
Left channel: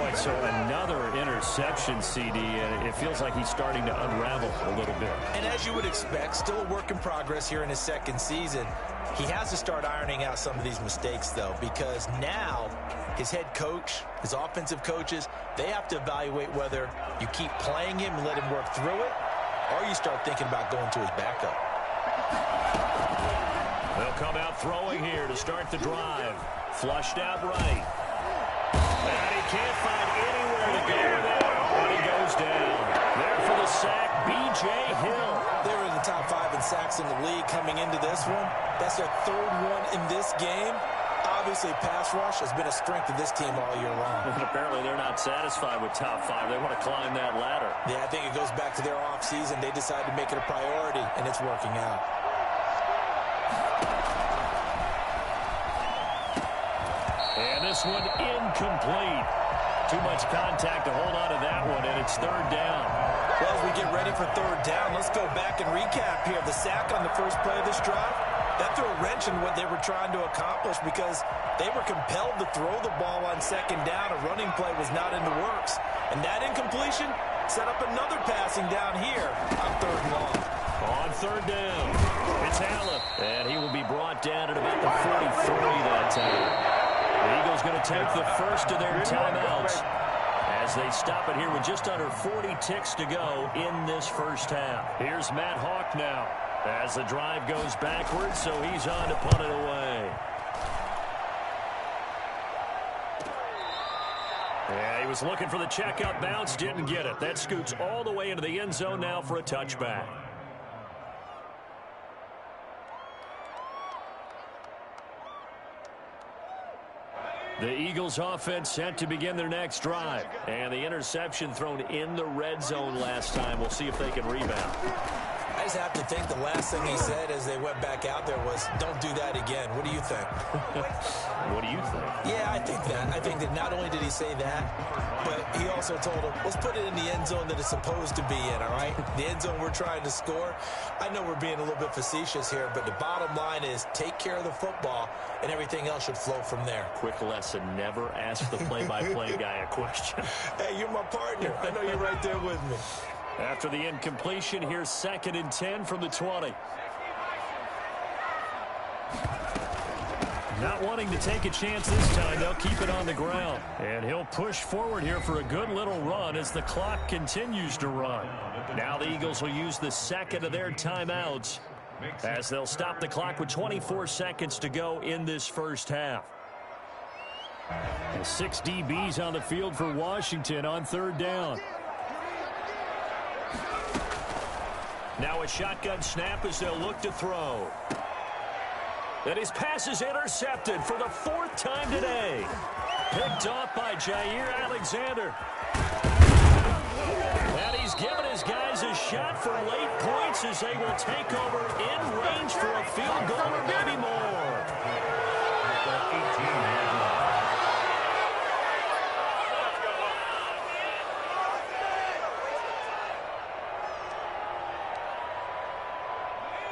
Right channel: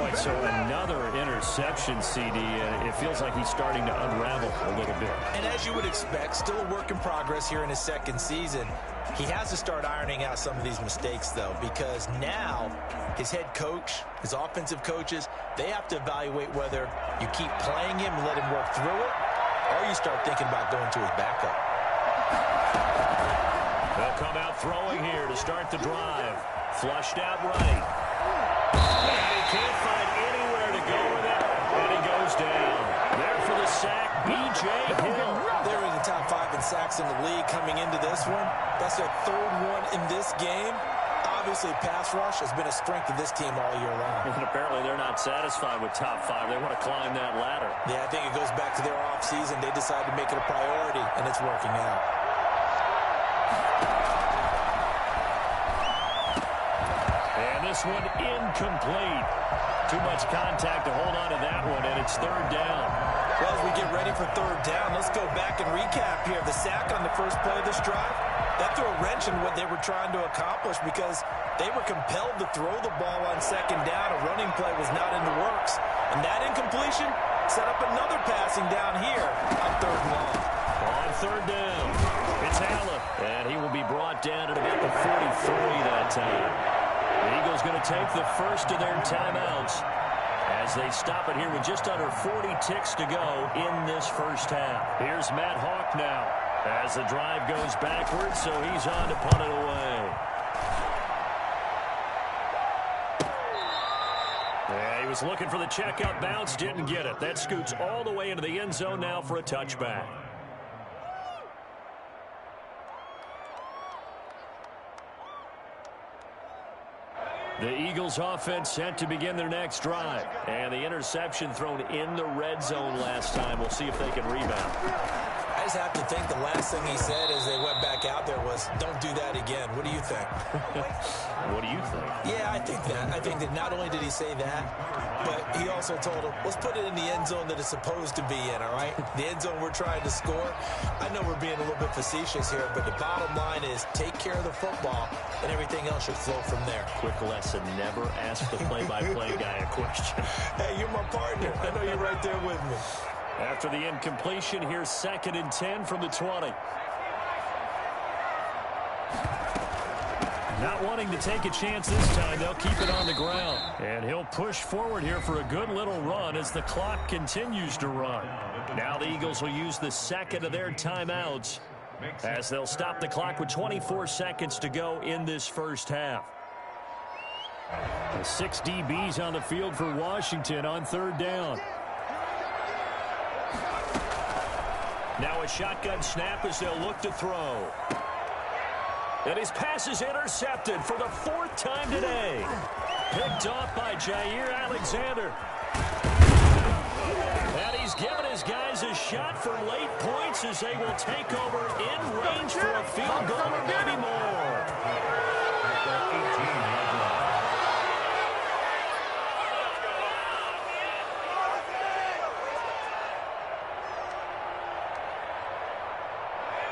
Boy, so another interception, CD, and it feels like he's starting to unravel a little bit. And as you would expect, still a work in progress here in his 2nd season. He has to start ironing out some of these mistakes, though, because now his head coach, his offensive coaches, they have to evaluate whether you keep playing him and let him work through it, or you start thinking about going to his backup. They'll come out throwing here to start the drive. Flushed out right. And he can't find anywhere to go with it. And he goes down. There for the sack, B.J. Hill. They're in the top 5 in sacks in the league coming into this one. That's their 3rd one in this game. Obviously, pass rush has been a strength of this team all year long. And apparently they're not satisfied with top 5. They want to climb that ladder. Yeah, I think it goes back to their offseason. They decided to make it a priority, and it's working out. And this one incomplete. Too much contact to hold on to that one, and it's 3rd down. Well, as we get ready for 3rd down, let's go back and recap here. The sack on the first play of this drive, that threw a wrench in what they were trying to accomplish because they were compelled to throw the ball on 2nd down. A running play was not in the works. And that incompletion set up another passing down here on 3rd and long. On 3rd down, it's Allen. And he will be brought down at about the 43 that time. The Eagles going to take the first of their timeouts as they stop it here with just under 40 ticks to go in this first half. Here's Matt Hawk now as the drive goes backwards, so he's on to punt it away. Yeah, he was looking for the checkout bounce, didn't get it. That scoots all the way into the end zone now for a touchback. The Eagles offense set to begin their next drive. And the interception thrown in the red zone last time. We'll see if they can rebound. I just have to think the last thing he said as they went back out there was, don't do that again. What do you think? What do you think? Yeah, I think that. I think that not only did he say that, but he also told him, let's put it in the end zone that it's supposed to be in, all right? The end zone we're trying to score. I know we're being a little bit facetious here, but the bottom line is take care of the football, and everything else should flow from there. Quick lesson, never ask the play-by-play guy a question. Hey, you're my partner. I know you're right there with me. After the incompletion, here's 2nd and 10 from the 20. Not wanting to take a chance this time, they'll keep it on the ground. And he'll push forward here for a good little run as the clock continues to run. Now the Eagles will use the 2nd of their timeouts as they'll stop the clock with 24 seconds to go in this first half. And 6 DBs on the field for Washington on 3rd down. Now a shotgun snap as they'll look to throw. And his pass is intercepted for the 4th time today. Picked off by Jair Alexander. And he's given his guys a shot for late points as they will take over in range for a field goal or maybe more.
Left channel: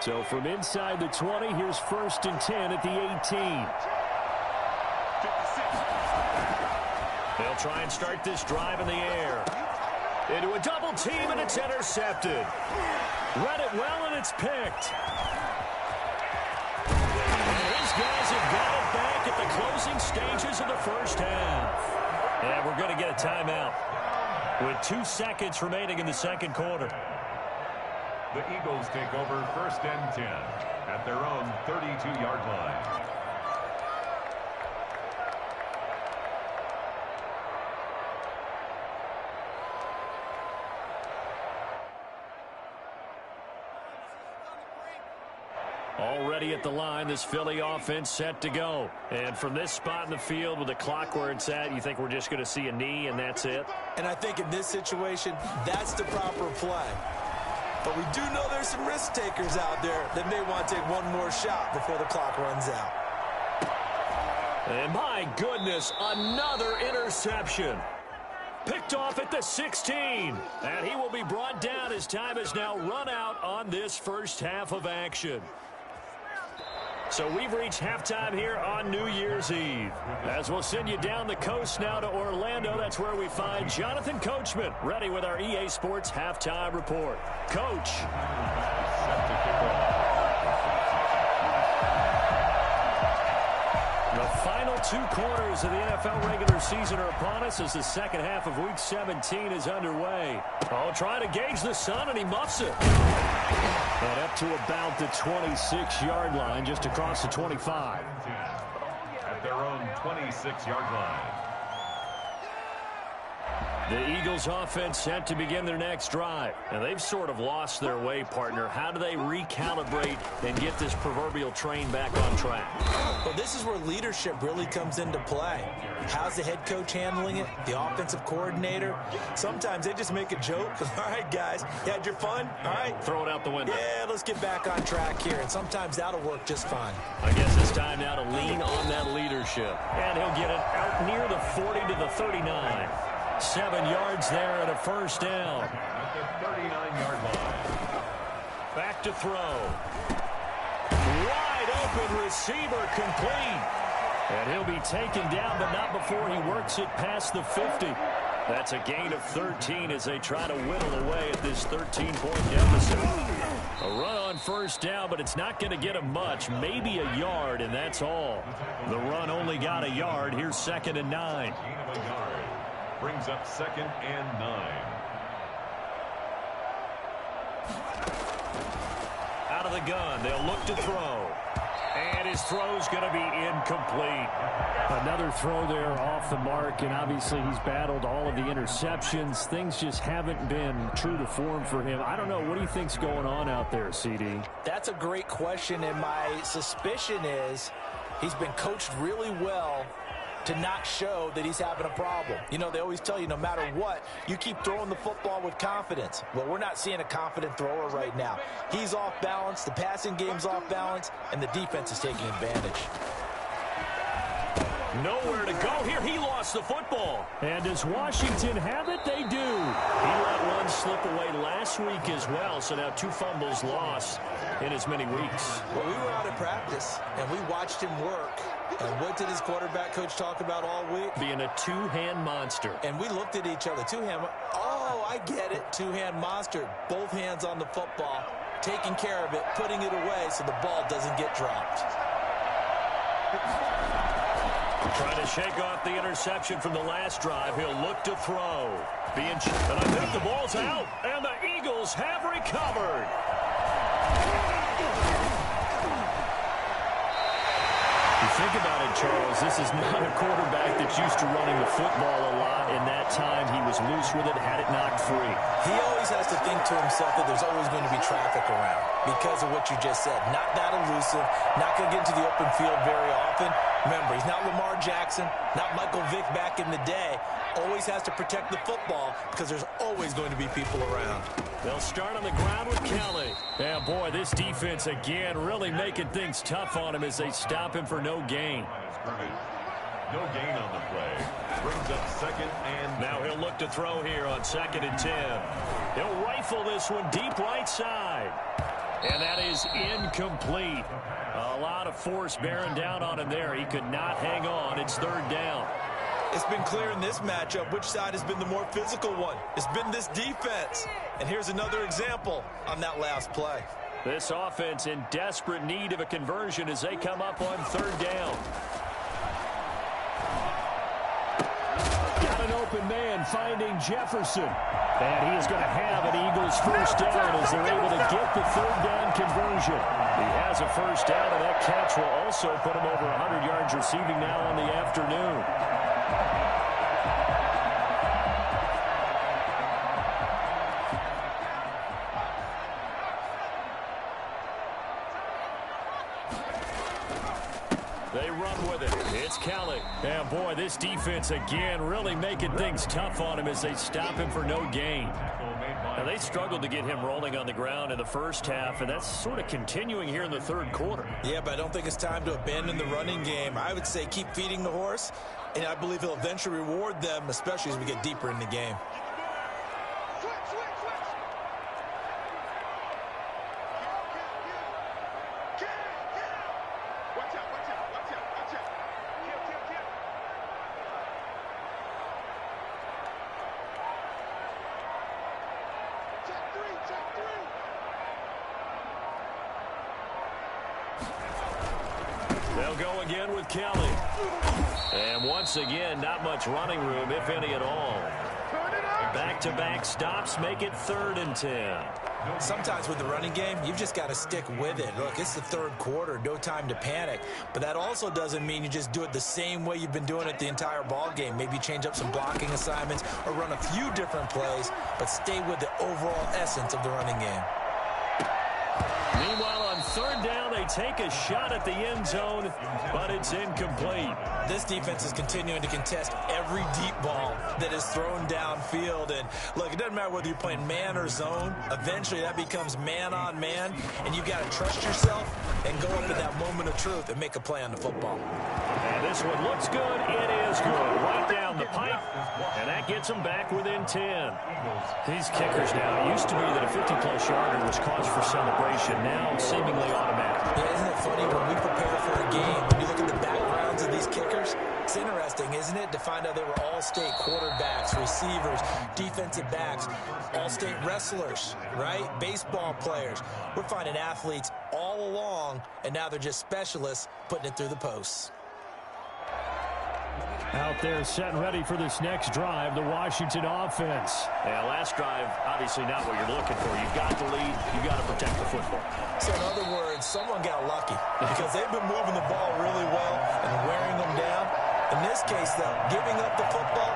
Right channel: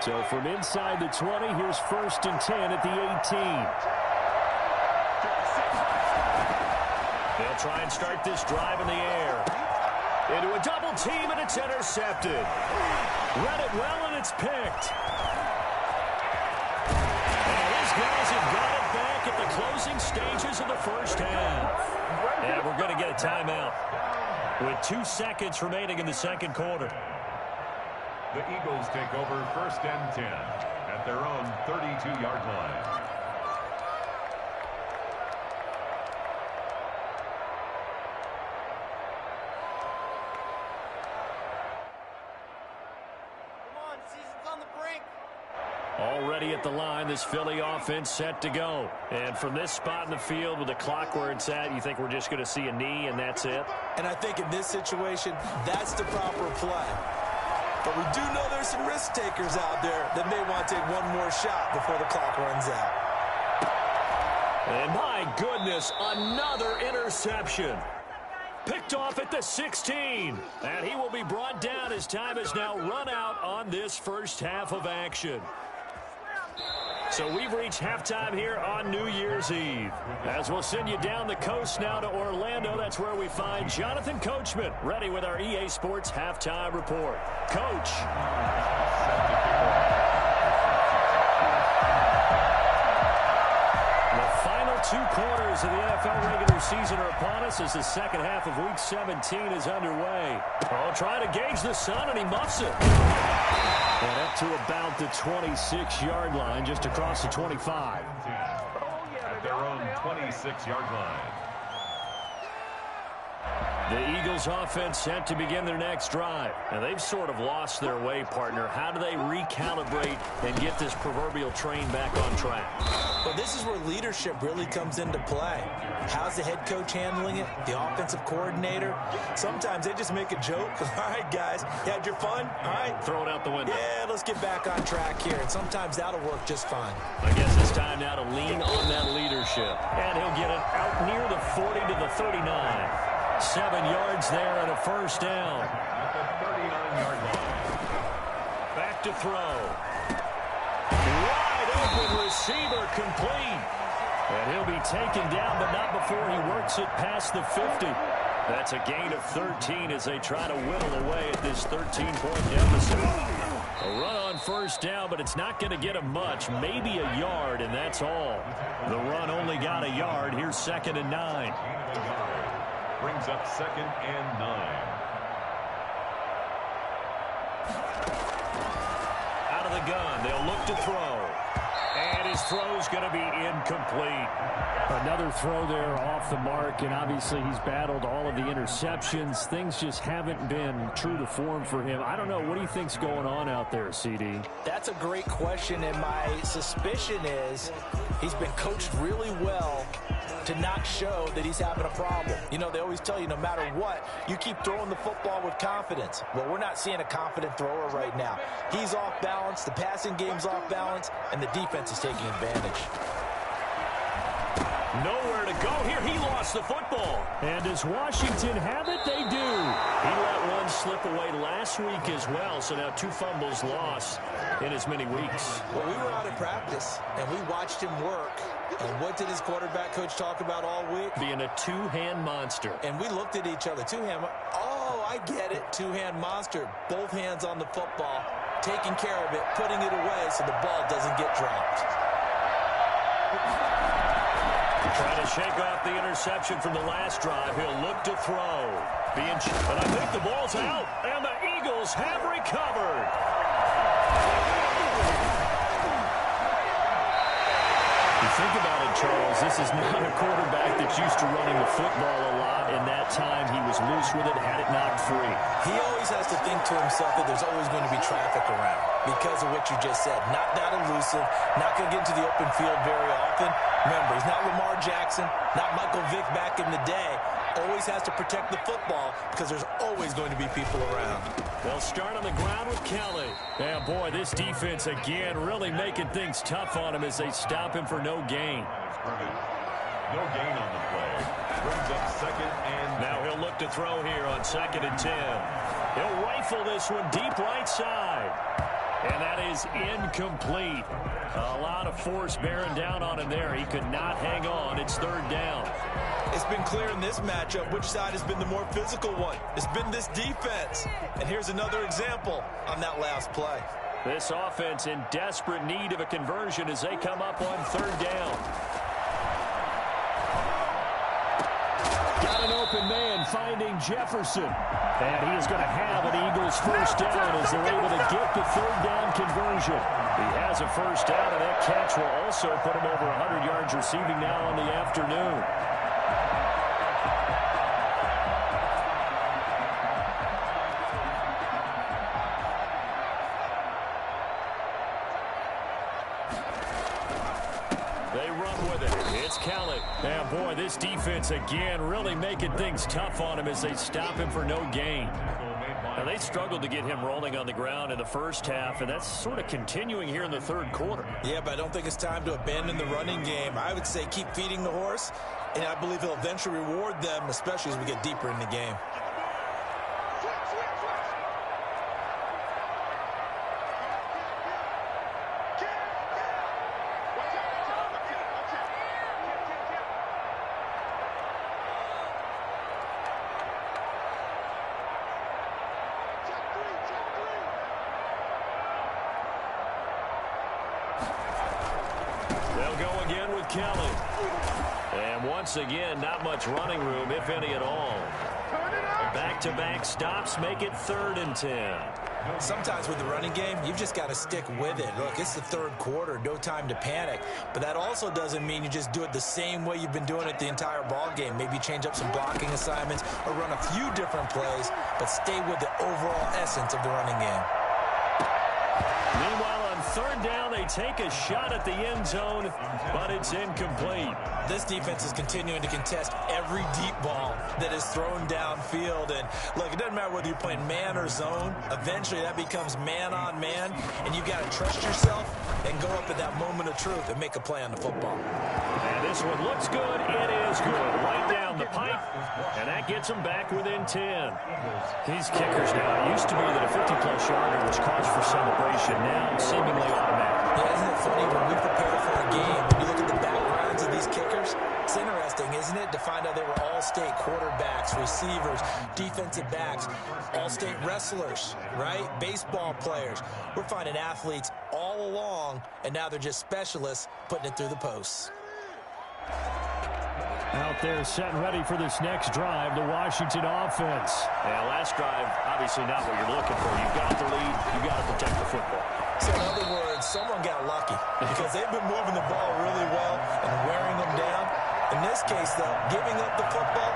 So from inside the 20, here's 1st and 10 at the 18. They'll try and start this drive in the air. Into a double team, and it's intercepted. Read it well, and it's picked. And his guys have got it back at the closing stages of the first half. And we're going to get a timeout with 2 seconds remaining in the second quarter. The Eagles take over 1st and 10 at their own 32-yard line. Already at the line, this Philly offense set to go. And from this spot in the field with the clock where it's at, you think we're just going to see a knee and that's it? And I think in this situation, that's the proper play. But we do know there's some risk takers out there that may want to take one more shot before the clock runs out. And my goodness, another interception. Picked off at the 16. And he will be brought down as time has now run out on this first half of action. So we've reached halftime here on New Year's Eve. As we'll send you down the coast now to Orlando, that's where we find Jonathan Coachman, ready with our EA Sports Halftime Report. Coach. Set to kick off. The final 2 quarters of the NFL regular season are upon us as the second half of Week 17 is underway. Oh, trying to gauge the sun, and he muffs it. And up to about the 26-yard line, just across the 25. At their own 26-yard line. The Eagles offense set to begin their next drive. And they've sort of lost their way, partner. How do they recalibrate and get this proverbial train back on track? Well, this is where leadership really comes into play. How's the head coach handling it? The offensive coordinator? Sometimes they just make a joke. All right, guys, you had your fun? All right. Throw it out the window. Yeah, let's get back on track here. And sometimes that'll work just fine. I guess it's time now to lean on that leadership. And he'll get it out near the 40 to the 39. 7 yards there and a first down. At the 39-yard line. Back to throw. Wide open receiver complete. And he'll be taken down, but not before he works it past the 50. That's a gain of 13 as they try to whittle away at this 13-point deficit. A run on first down, but it's not going to get him much. Maybe a yard, and that's all. The run only got a yard. Here's 2nd and 9. Gain of a yard. Brings up 2nd and 9. Out of the gun, they'll look to throw. And his throw's going to be incomplete. Another throw there off the mark, and obviously he's battled all of the interceptions. Things just haven't been true to form for him. I don't know. What do you think's going on out there, CD? That's a great question, and my suspicion is he's been coached really well to not show that he's having a problem. You know, they always tell you no matter what, you keep throwing the football with confidence. Well, we're not seeing a confident thrower right now. He's off balance, the passing game's off balance, and the defense is taking advantage. Nowhere to go here. He lost the football. And does Washington have it? They do. He let one slip away last week as well, so now 2 fumbles lost in as many weeks. Well, we were out at practice, and we watched him work. And what did his quarterback coach talk about all week? Being a 2-hand monster. And we looked at each other. 2-hand. Oh, I get it. 2-hand monster. Both hands on the football, taking care of it, putting it away so the ball doesn't get dropped. Trying to shake off the interception from the last drive. He'll look to throw. And I think the ball's out. And the Eagles have recovered. You think about it, Charles, this is not a quarterback that's used to running the football a lot. In that time, he was loose with it, had it knocked free. He always has to think to himself that there's always going to be traffic around because of what you just said. Not that elusive, not going to get into the open field very often. Remember, he's not Lamar Jackson, not Michael Vick back in the day. Always has to protect the football because there's always going to be people around. They'll start on the ground with Kelly. Yeah, boy, this defense again really making things tough on him as they stop him for no gain. No gain on the play. Brings up 2nd and now he'll look to throw here on 2nd and 10. He'll rifle this one deep right side. And that is incomplete. A lot of force bearing down on him there. He could not hang on. It's 3rd down. It's been clear in this matchup which side has been the more physical one. It's been this defense. And here's another example on that last play. This offense in desperate need of a conversion as they come up on 3rd down. Got an open man finding Jefferson. And he is going to have an Eagles first down as they're able to get the 3rd down conversion. He has a first down, and that catch will also put him over 100 yards receiving now on the afternoon. They run with it. It's Kelly. And boy, this defense again really making things tough on him as they stop him for no gain. Now, they struggled to get him rolling on the ground in the first half, and that's sort of continuing here in the third quarter. Yeah, but I don't think it's time to abandon the running game. I would say keep feeding the horse, and I believe he'll eventually reward them, especially as we get deeper in the game. They'll go again with Kelly. And once again, not much running room, if any at all. Back-to-back stops make it 3rd and 10. Sometimes with the running game, you've just got to stick with it. Look, it's the third quarter, no time to panic. But that also doesn't mean you just do it the same way you've been doing it the entire ball game. Maybe change up some blocking assignments or run a few different plays, but stay with the overall essence of the running game. Meanwhile, on 3rd down, they take a shot at the end zone, but it's incomplete. This defense is continuing to contest every deep ball that is thrown downfield. And look, it doesn't matter whether you're playing man or zone. Eventually, that becomes man on man, and you've got to trust yourself and go up at that moment of truth and make a play on the football. And this one looks good. It is good. Right down the pipe, and that gets them back within 10. These kickers now, it used to be that a 50-plus yarder was cause for celebration. Now, seemingly automatic. Yeah, isn't it funny when we prepare for a game, when you look at the backgrounds of these kickers, it's interesting, isn't it, to find out they were all-state quarterbacks, receivers, defensive backs, all-state wrestlers, right? Baseball players. We're finding athletes all along, and now they're just specialists putting it through the posts. Out there set and ready for this next drive, the Washington offense. Yeah, last drive, obviously not what you're looking for. You've got the lead. You've got to protect the football. So in other words, someone got lucky because they've been moving the ball really well and wearing them down. In this case, though, giving up the football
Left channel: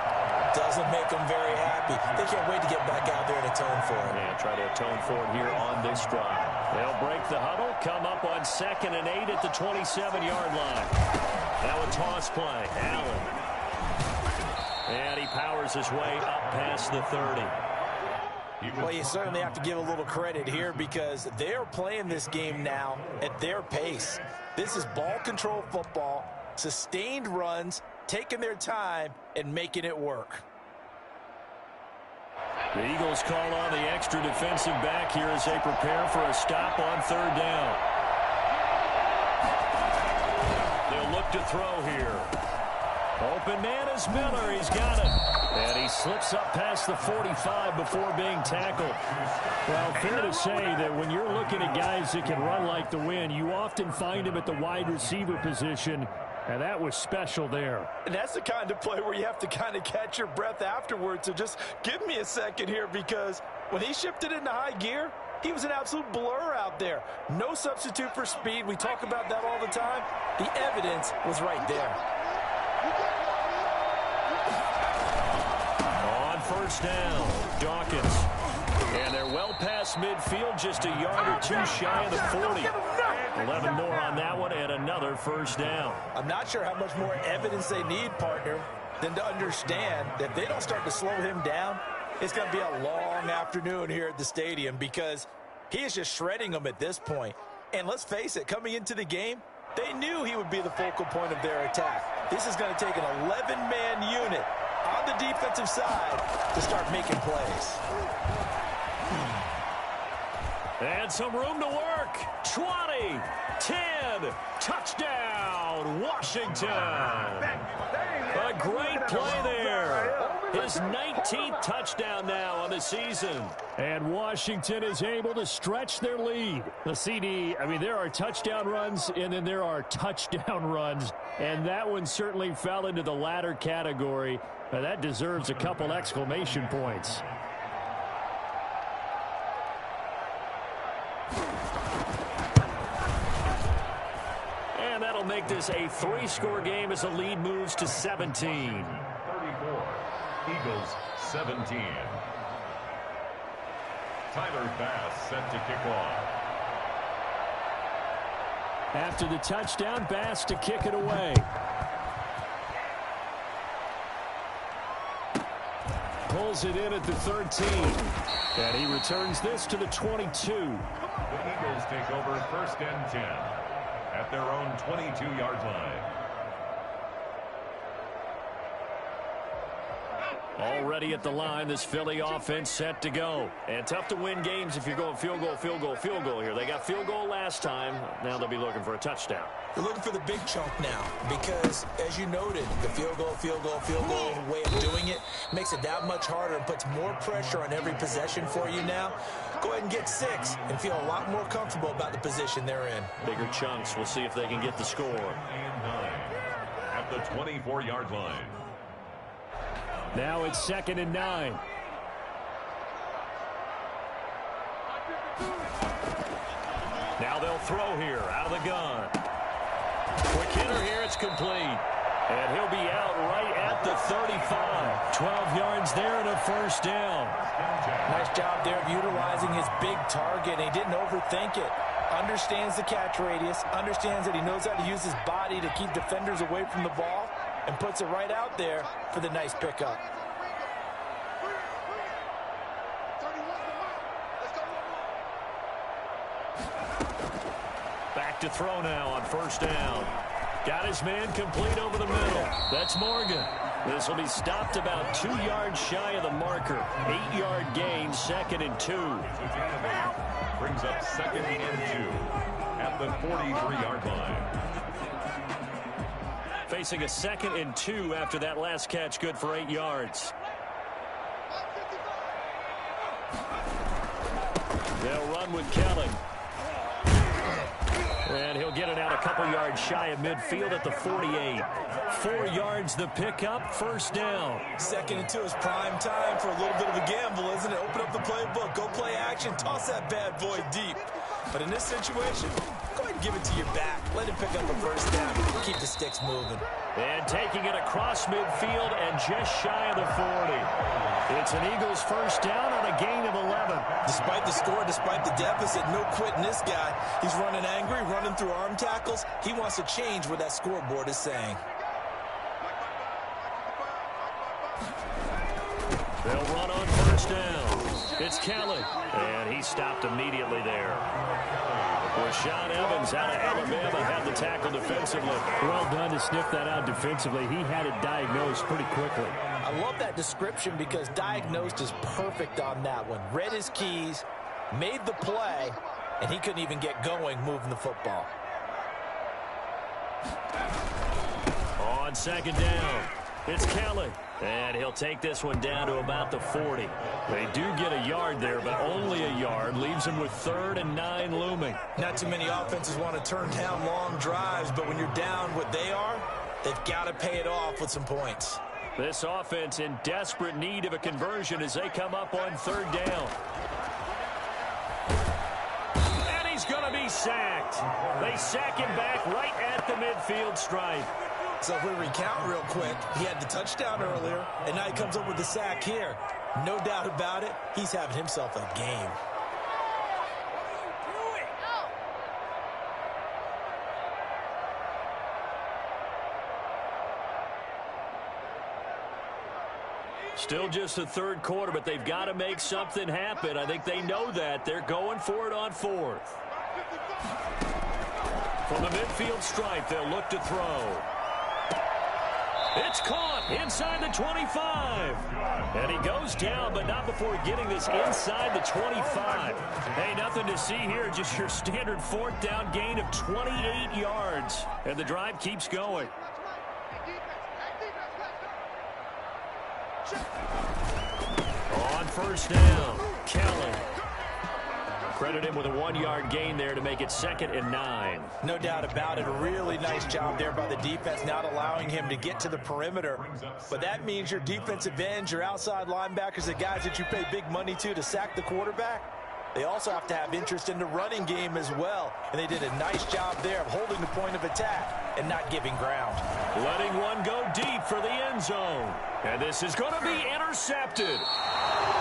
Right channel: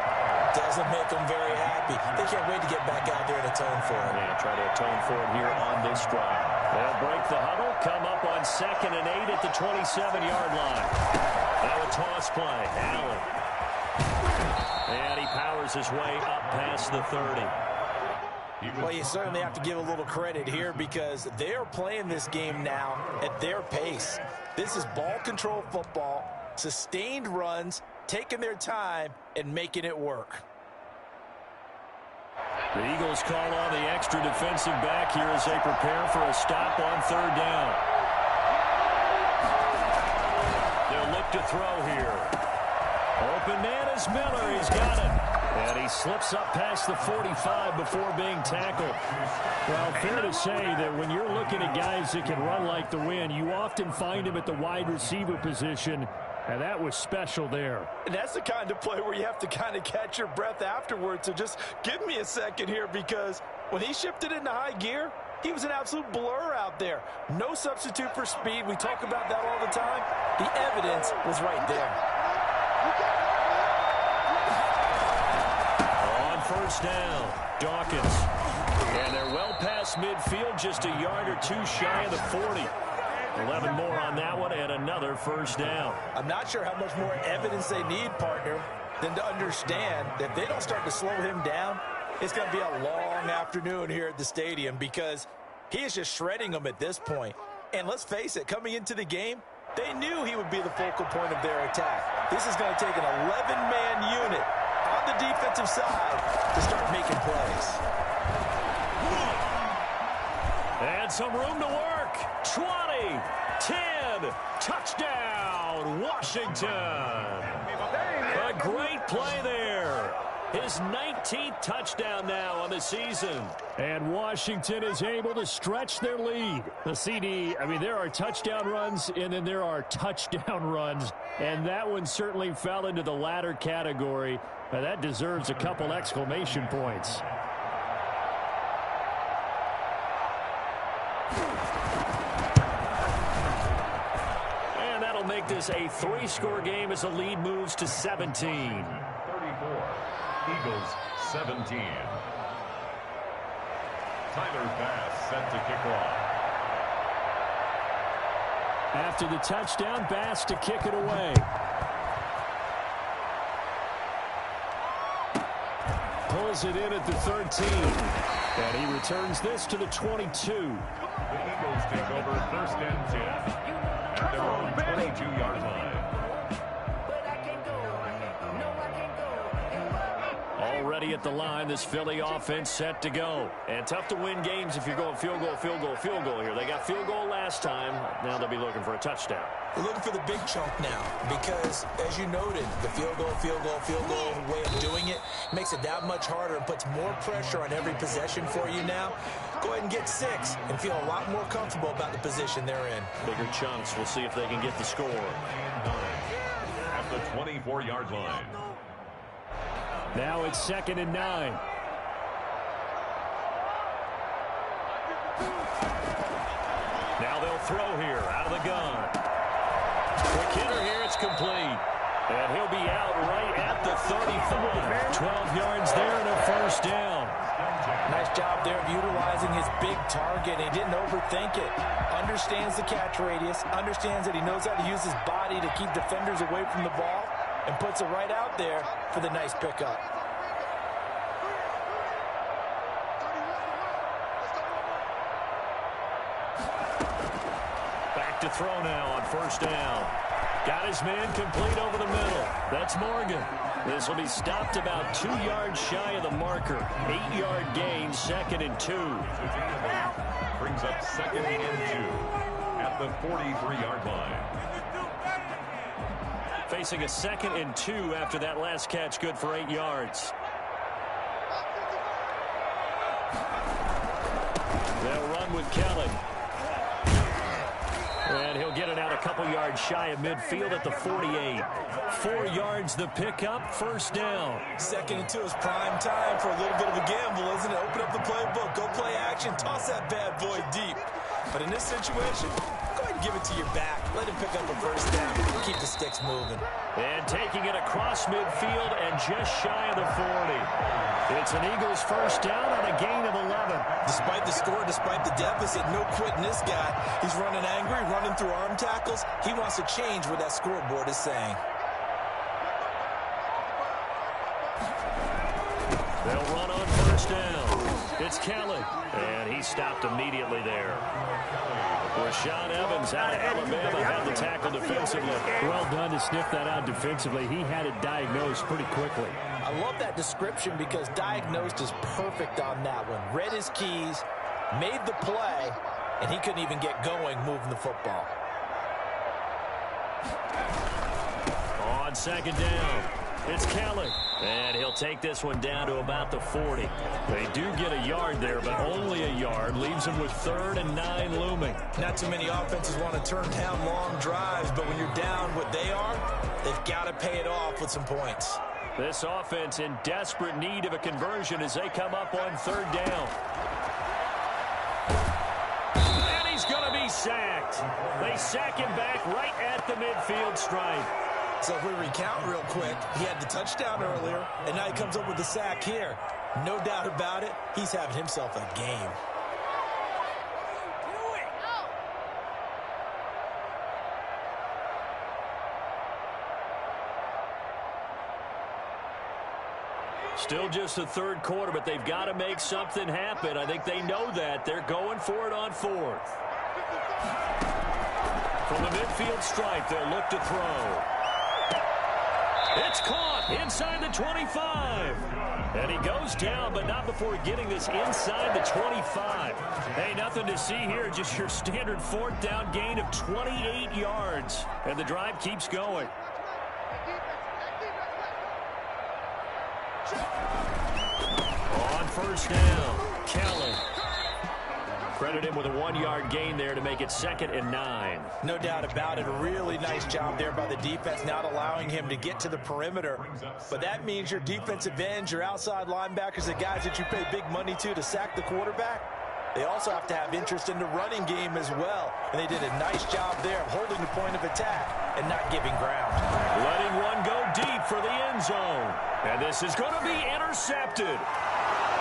doesn't make them very happy. They can't wait to get back out there and atone for it. Yeah, try to atone for it here on this drive. They'll break the huddle, come up on 2nd and 8 at the 27-yard line. Now a toss play. Allen. And he powers his way up past the 30. Well, you certainly have to give a little credit here because they're playing this game now at their pace. This is ball control football, sustained runs, taking their time and making it work. The Eagles call on the extra defensive back here as they prepare for a stop on 3rd down. They'll look to throw here. Open man is Miller. He's got it. And he slips up past the 45 before being tackled. Well, fair to say that when you're looking at guys that can run like the wind, you often find him at the wide receiver position, and that was special there. And that's the kind of play where you have to kind of catch your breath afterwards. So just give me a second here because when he shifted into high gear, he was an absolute blur out there. No substitute for speed. We talk about that all the time. The evidence was right there. On 1st down, Dawkins. And they're well past midfield, just a yard or two shy of the 40. 11 more on that one and another 1st down. I'm not sure how much more evidence they need, partner, than to understand that if they don't start to slow him down, it's going to be a long afternoon here at the stadium because he is just shredding them at this point. And let's face it, coming into the game, they knew he would be the focal point of their attack. This is going to take an 11-man unit on the defensive side to start making plays. And some room to work. 20, 10, touchdown, Washington. A great play there. His 19th touchdown now on the season. And Washington is able to stretch their lead. The CD, I mean, there are touchdown runs, and then there are touchdown runs. And that one certainly fell into the latter category. That deserves a couple exclamation points. And that'll make this a 3-score game as the lead moves to 17. 34. Eagles 17. Tyler Bass set to kick off. After the touchdown, Bass to kick it away. Pulls it in at the 13. And he returns this to the 22. The Eagles take over 1st and 10 at their own 22-yard line. Already at the line, this Philly offense set to go. And tough to win games if you're going field goal, field goal, field goal here. They got field goal last time. Now they'll be looking for a touchdown. They're looking for the big chunk now because, as you noted, the field goal way of doing it makes it that much harder and puts more pressure on every possession for you now. Go ahead and get 6 and feel a lot more comfortable about the position they're in. Bigger chunks. We'll see if they can get the score. At the 24-yard line. Now it's 2nd and 9. Now they'll throw here out of the gun. Quick hitter here. It's complete. And he'll be out right at the 35. 12 yards there and a 1st down. Nice job there of utilizing his big target. He didn't overthink it. Understands the catch radius. Understands that he knows how to use his body to keep defenders away from the ball. And puts it right out there for the nice pickup. Back to throw now on 1st down. Got his man complete over the middle. That's Morgan. This will be stopped about 2 yards shy of the marker. 8-yard gain, 2nd and 2. Brings up 2nd and 2 at the 43-yard line. Facing a 2nd and 2 after that last catch, good for 8 yards. They'll run with Kelly. And he'll get it out a couple yards shy of midfield at the 48. 4 yards the pickup, 1st down. 2nd and 2 is prime time for a little bit of a gamble, isn't it? Open up the playbook, go play action, toss that bad boy deep. But in this situation, go ahead and give it to your back. Let him pick up a 1st down. Keep the sticks moving. And taking it across midfield and just shy of the 40. It's an Eagles 1st down on a gain of 11. Despite the score, despite the deficit, no quitting this guy. He's running angry, running through arm tackles. He wants to change what that scoreboard is saying. They'll run on 1st down. It's Kelly. And he stopped immediately there. Rashaan Evans out of Alabama had the tackle defensively. Well done to sniff that out defensively. He had it diagnosed pretty quickly. I love that description because diagnosed is perfect on that one. Read his keys, made the play, and he couldn't even get going moving the football. On 2nd down, it's Kelly. And he'll take this one down to about the 40. They do get a yard there, but only a yard. Leaves them with 3rd and 9 looming. Not too many offenses want to turn down long drives, but when you're down what they are, they've got to pay it off with some points. This offense in desperate need of a conversion as they come up on 3rd down. And he's going to be sacked. They sack him back right at the midfield stripe. So if we recount real quick, he had the touchdown earlier, and now he comes up with the sack here. No doubt about it, he's having himself a game. Still just the 3rd quarter, but they've got to make something happen. I think they know that. They're going for it on 4th. From the midfield stripe, they'll look to throw. It's caught inside the 25. And he goes down, but not before getting this inside the 25. Hey, nothing to see here. Just your standard 4th down gain of 28 yards. And the drive keeps going. On 1st down, Kelly. Credit him with a 1-yard gain there to make it 2nd and 9. No doubt about it. A really nice job there by the defense, not allowing him to get to the perimeter. But that means your defensive ends, your outside linebackers, the guys that you pay big money to sack the quarterback, they also have to have interest in the running game as well. And they did a nice job there of holding the point of attack and not giving ground. Letting one go deep for the end zone. And this is going to be intercepted.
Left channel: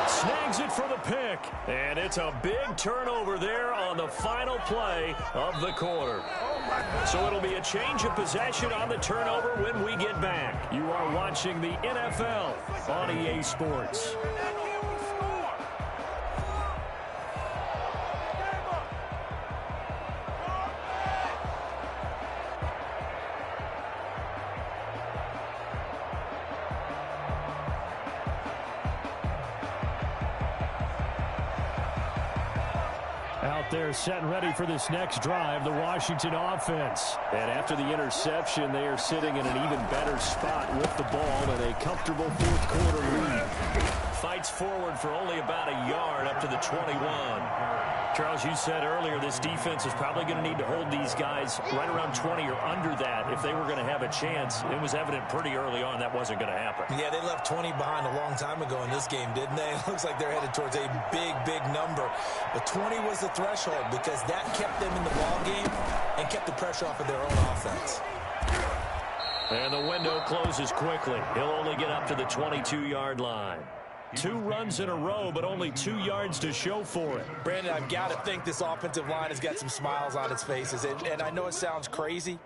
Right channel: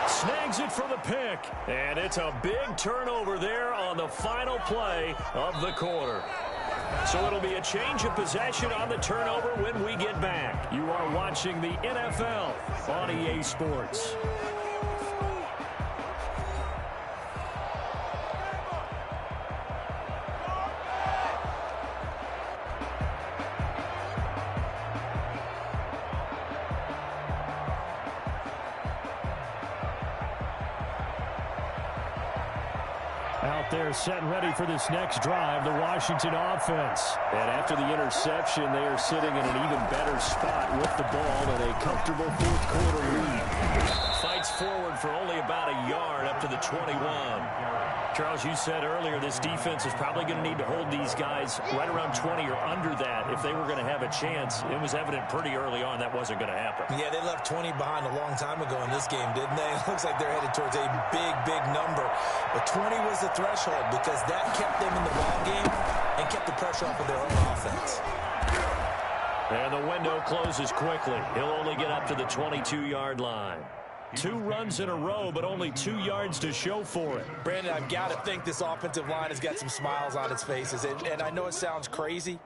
Snags it for the pick. And it's a big turnover there on the final play of the quarter. So it'll be a change of possession on the turnover when we get back. You are watching the NFL on EA Sports. Out there set and ready for this next drive, the Washington offense. And after the interception, they are sitting in an even better spot with the ball and a comfortable fourth quarter lead. Fights forward for only about a yard up to the 21. Charles, you said earlier this defense is probably going to need to hold these guys right around 20 or under that if they were going to have a chance. It was evident pretty early on that wasn't going to happen. Yeah, they left 20 behind a long time ago in this game, didn't they? It looks like they're headed towards a big number. But 20 was the threshold because that kept them in the ball game and kept the pressure off of their own offense. And the window closes quickly. He'll only get up to the 22-yard line. 2 runs in a row, but only 2 yards to show for it. Brandon, I've got to think this offensive line has got some smiles on its faces. And I know it sounds crazy,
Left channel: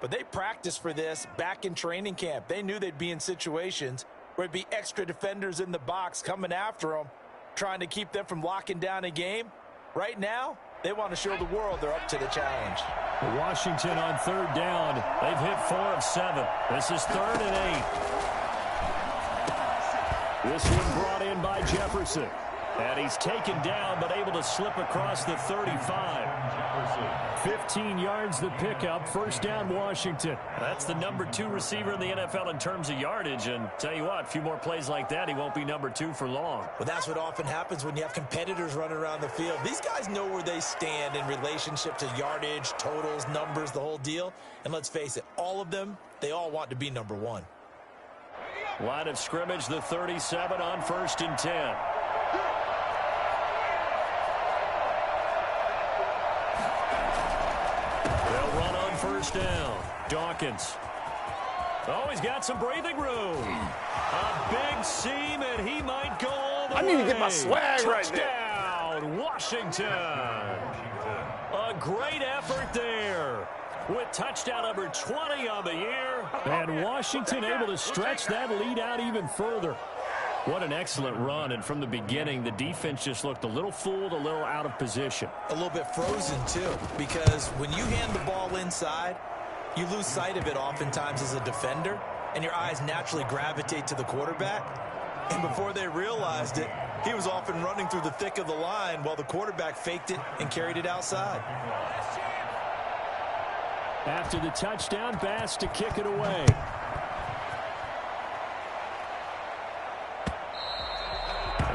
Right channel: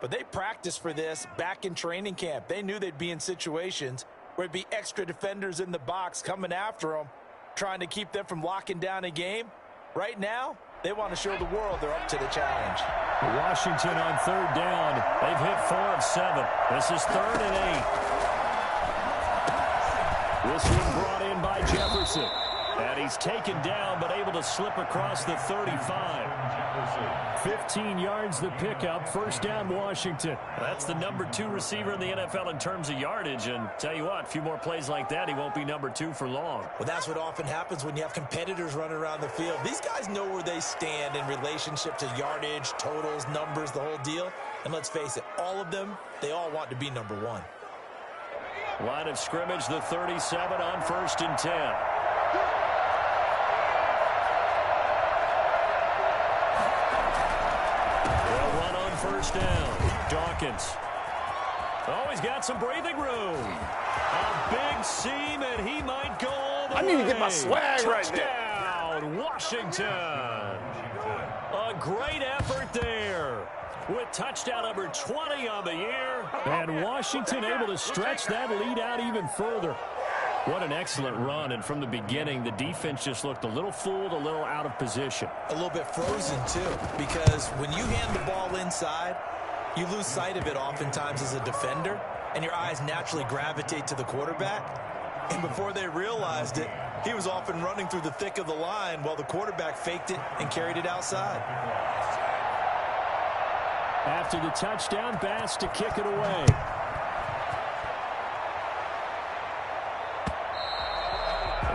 but they practiced for this back in training camp. They knew they'd be in situations where it'd be extra defenders in the box coming after them, trying to keep them from locking down a game. Right now, they want to show the world they're up to the challenge. Washington on third down. They've hit 4 of 7. This is 3rd and 8. This one brought in by Jefferson. And he's taken down, but able to slip across the 35. 15 yards the pickup. First down, Washington. That's the number 2 receiver in the NFL in terms of yardage. And tell you what, a few more plays like that, he won't be number 2 for long. Well, that's what often happens when you have competitors running around the field. These guys know where they stand in relationship to yardage, totals, numbers, the whole deal. And let's face it, all of them, they all want to be number 1. Line of scrimmage, the 37 on 1st and 10. They'll run on 1st down. Dawkins. Oh, he's got some breathing room. A big seam, and he might go all the way. I need to get my swag right there. Touchdown, Washington. A great effort there, with touchdown number 20 on the year. And Washington able to stretch that lead out even further. What an excellent run. And from the beginning, the defense just looked a little fooled, a little out of position. A little bit frozen, too, because when you hand the ball inside, you lose sight of it oftentimes as a defender, and your eyes naturally gravitate to the quarterback. And before they realized it, he was off and running through the thick of the line while the quarterback faked it and carried it outside. After the touchdown, Bass to kick it away.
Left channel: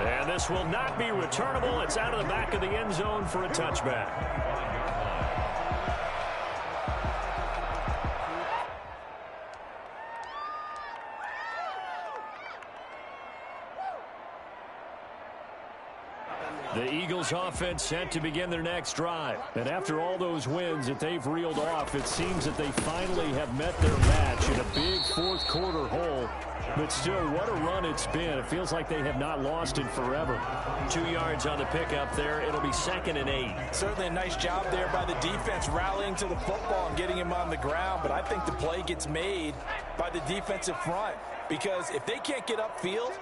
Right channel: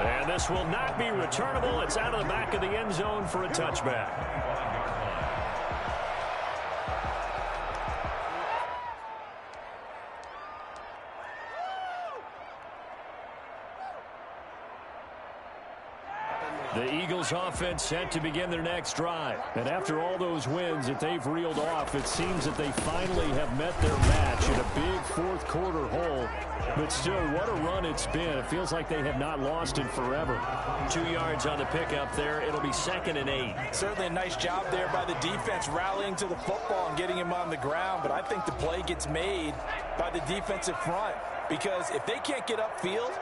And this will not be returnable. It's out of the back of the end zone for a touchback. The Eagles offense set to begin their next drive. And after all those wins that they've reeled off, it seems that they finally have met their match in a big fourth quarter hole. But still, what a run it's been. It feels like they have not lost in forever. 2 yards on the pickup there. It'll be 2nd and 8. Certainly a nice job there by the defense rallying to the football and getting him on the ground. But I think the play gets made by the defensive front, because if they can't get upfield,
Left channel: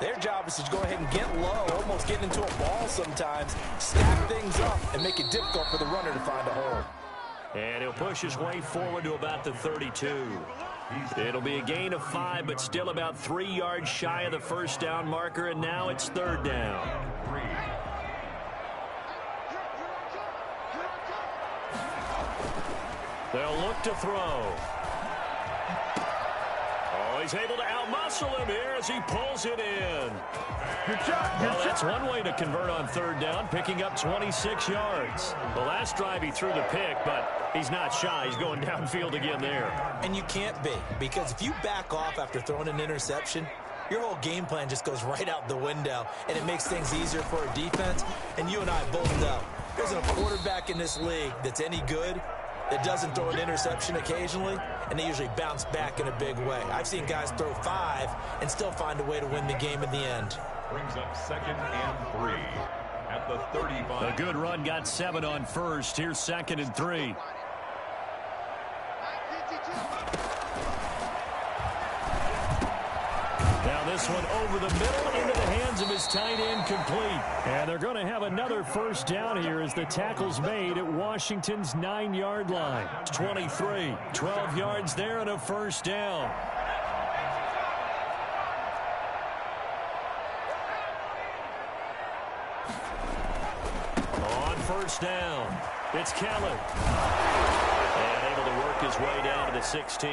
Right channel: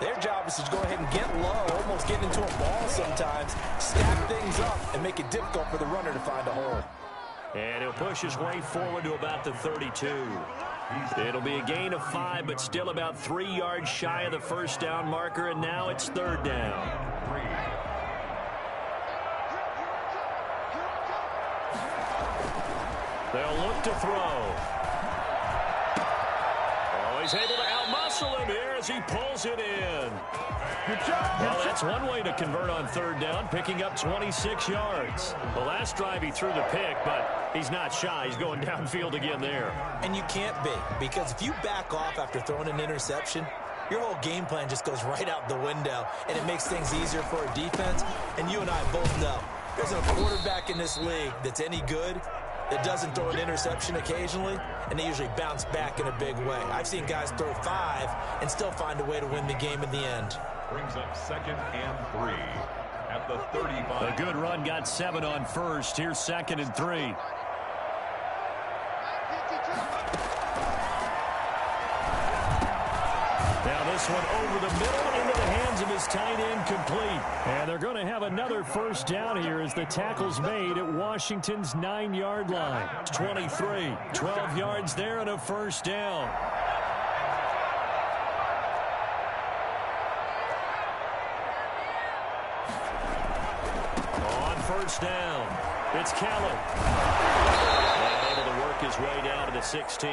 their job is to go ahead and get low, almost get into a ball sometimes, stack things up, and make it difficult for the runner to find a hole. And he'll push his way forward to about the 32. It'll be a gain of 5, but still about 3 yards shy of the first down marker, and now it's 3rd down. They'll look to throw. Oh, he's able to outmuscle him here as he pulls it in. Well, that's one way to convert on 3rd down, picking up 26 yards. The last drive he threw the pick, but he's not shy. He's going downfield again there. And you can't be, because if you back off after throwing an interception, your whole game plan just goes right out the window, and it makes things easier for a defense. And you and I both know there's a quarterback in this league that's any good that doesn't throw an interception occasionally, and they usually bounce back in a big way. I've seen guys throw 5 and still find a way to win the game in the end. Brings up 2nd and 3 at the 35. A good run got 7 on 1st. Here's 2nd and 3. Now this one over the middle into the hands of his tight end, complete. And they're going to have another first down here as the tackle's made at Washington's 9-yard line. 23, 12 yards there and a first down. On first down, it's Kelly. And able to work his way down to the 16.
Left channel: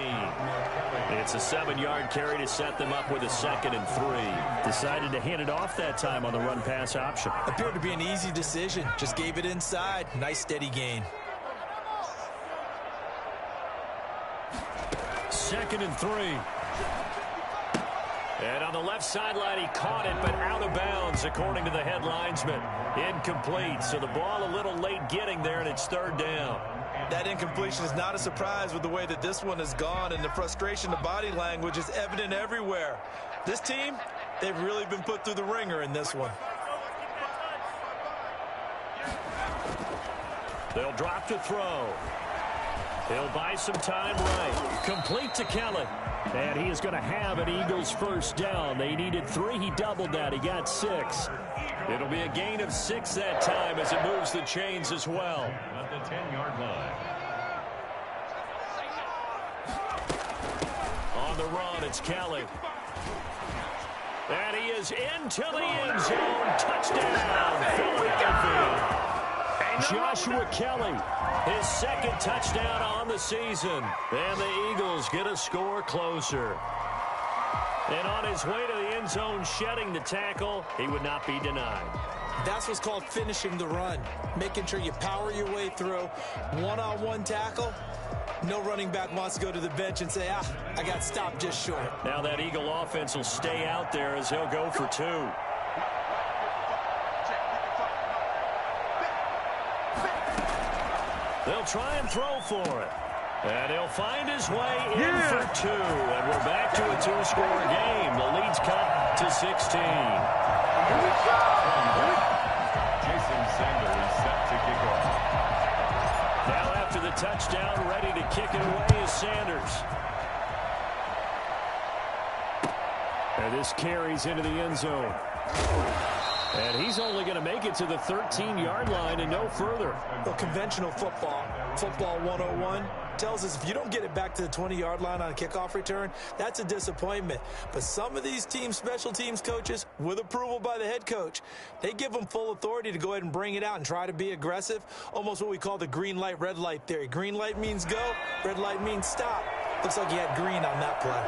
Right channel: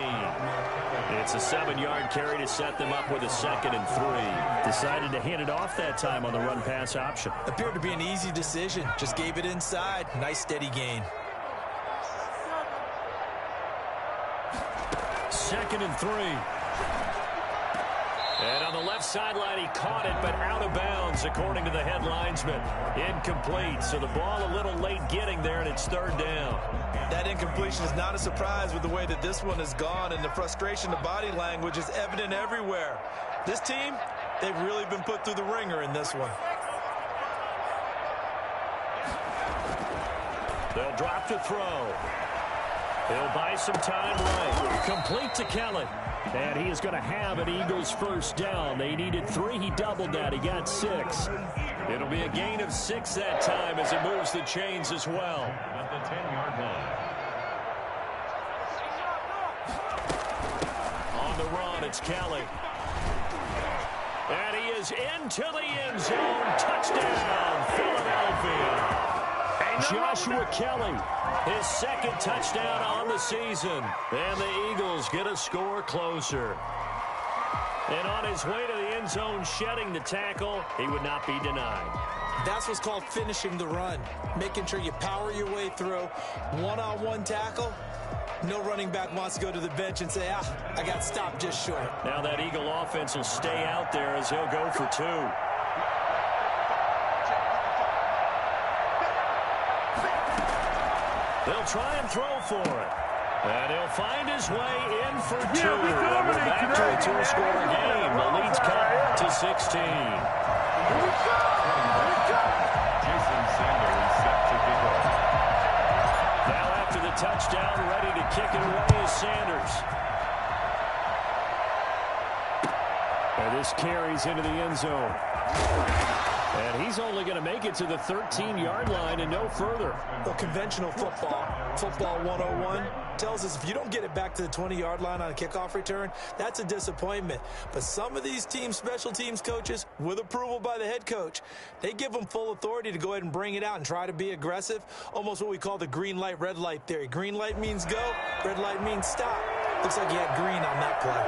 It's a 7-yard carry to set them up with a 2nd and 3. Decided to hand it off that time on the run-pass option. Appeared to be an easy decision. Just gave it inside. Nice steady gain. 2nd and 3. And on the left sideline, he caught it, but out of bounds, according to the head linesman. Incomplete, so the ball a little late getting there, and it's 3rd down. That incompletion is not a surprise with the way that this one has gone, and the frustration, the body language is evident everywhere. This team, they've really been put through the ringer in this one. They'll drop to throw. He'll buy some time right. Complete to Kelly. And he is going to have an Eagles first down. They needed 3. He doubled that. He got 6. It'll be a gain of 6 that time as it moves the chains as well. At the 10-yard line. On the run, it's Kelly. And he is into the end zone. Touchdown, Philadelphia. Joshua Kelly, his 2nd touchdown on the season. And the Eagles get a score closer. And on his way to the end zone, shedding the tackle, he would not be denied. That's what's called finishing the run. Making sure you power your way through. One-on-one tackle. No running back wants to go to the bench and say, I got stopped just short. Now that Eagle offense will stay out there as he'll go for 2. They'll try and throw for it. And he'll find his way in for 2. And we're back to a 2-score game. The lead's cut to 16. Jason Sander is set to kick off. Now after the touchdown, ready to kick it away is Sanders. And this carries into the end zone. And he's only going to make it to the 13-yard line and no further. Well, conventional football 101, tells us if you don't get it back to the 20-yard line on a kickoff return, that's a disappointment. But some of these special teams coaches, with approval by the head coach, they give them full authority to go ahead and bring it out and try to be aggressive, almost what we call the green light, red light theory. Green light means go, red light means stop. Looks like he had green on that play.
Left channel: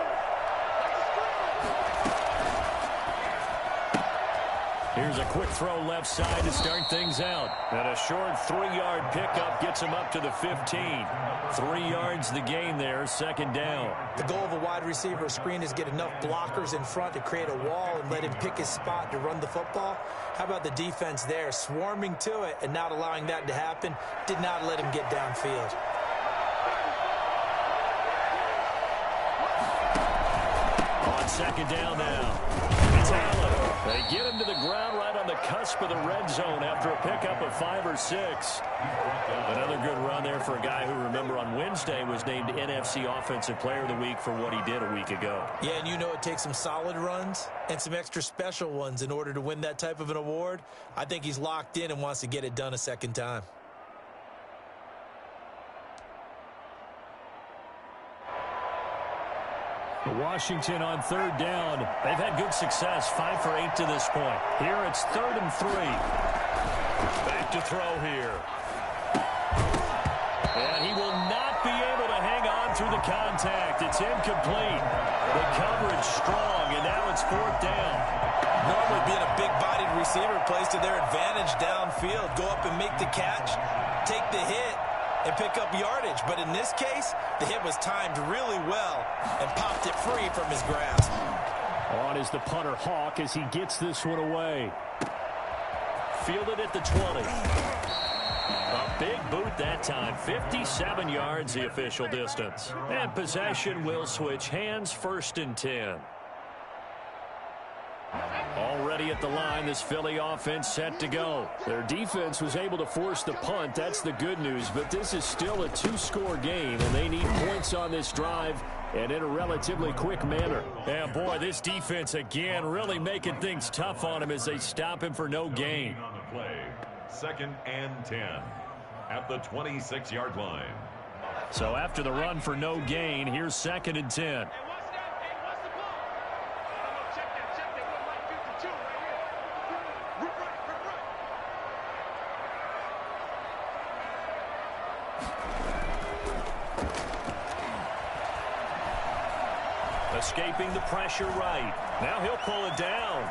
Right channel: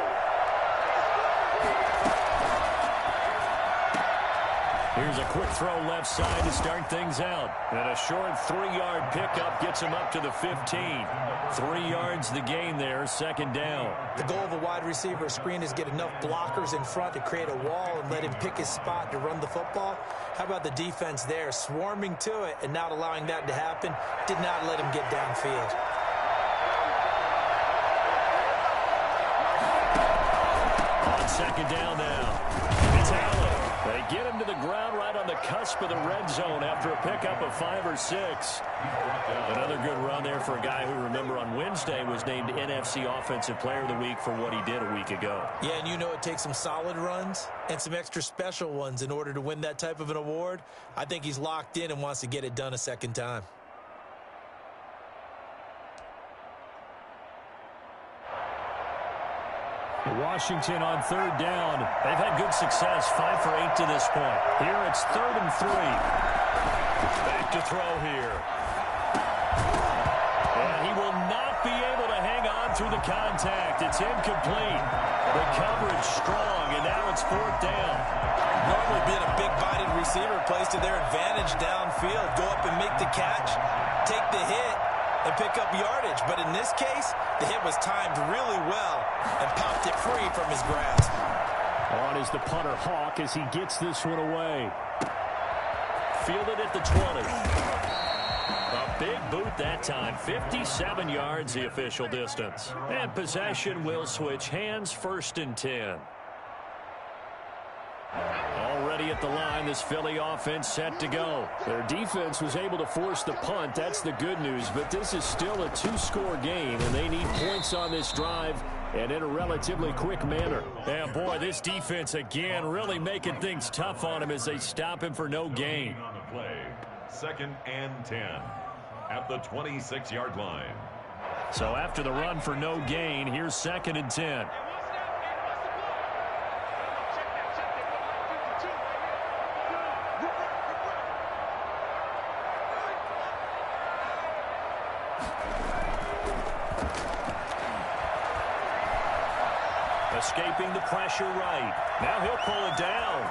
Here's a quick throw left side to start things out. And a short 3-yard pickup gets him up to the 15. 3 yards the gain there, 2nd down. The goal of a wide receiver screen is get enough blockers in front to create a wall and let him pick his spot to run the football. How about the defense there, swarming to it and not allowing that to happen? Did not let him get downfield. On 2nd down now. It's Allen. They get him to the ground right on the cusp of the red zone after a pickup of 5 or 6. Another good run there for a guy who, remember, on Wednesday was named NFC Offensive Player of the Week for what he did a week ago. Yeah, and you know it takes some solid runs and some extra special ones in order to win that type of an award. I think he's locked in and wants to get it done a 2nd time. Washington on 3rd down. They've had good success, 5 for 8 to this point. Here it's 3rd and 3. Back to throw here. And he will not be able to hang on through the contact. It's incomplete. The coverage strong, and now it's 4th down. Normally being a big-bodied receiver plays to their advantage downfield. Go up and make the catch, take the hit, and pick up yardage. But in this case, the hit was timed really well and popped it free from his grasp. On is the punter Hawk as he gets this one away. Fielded at the 20. A big boot that time. 57 yards the official distance. And possession will switch hands, 1st and 10. Already at the line, this Philly offense set to go. Their defense was able to force the punt. That's the good news. But this is still a two-score game, and they need points on this drive and in a relatively quick manner. And, boy, this defense, again, really making things tough on him as they stop him for no gain. On the play, 2nd and 10 at the 26-yard line. So after the run for no gain, here's 2nd and 10. Escaping the pressure right. Now he'll pull it down.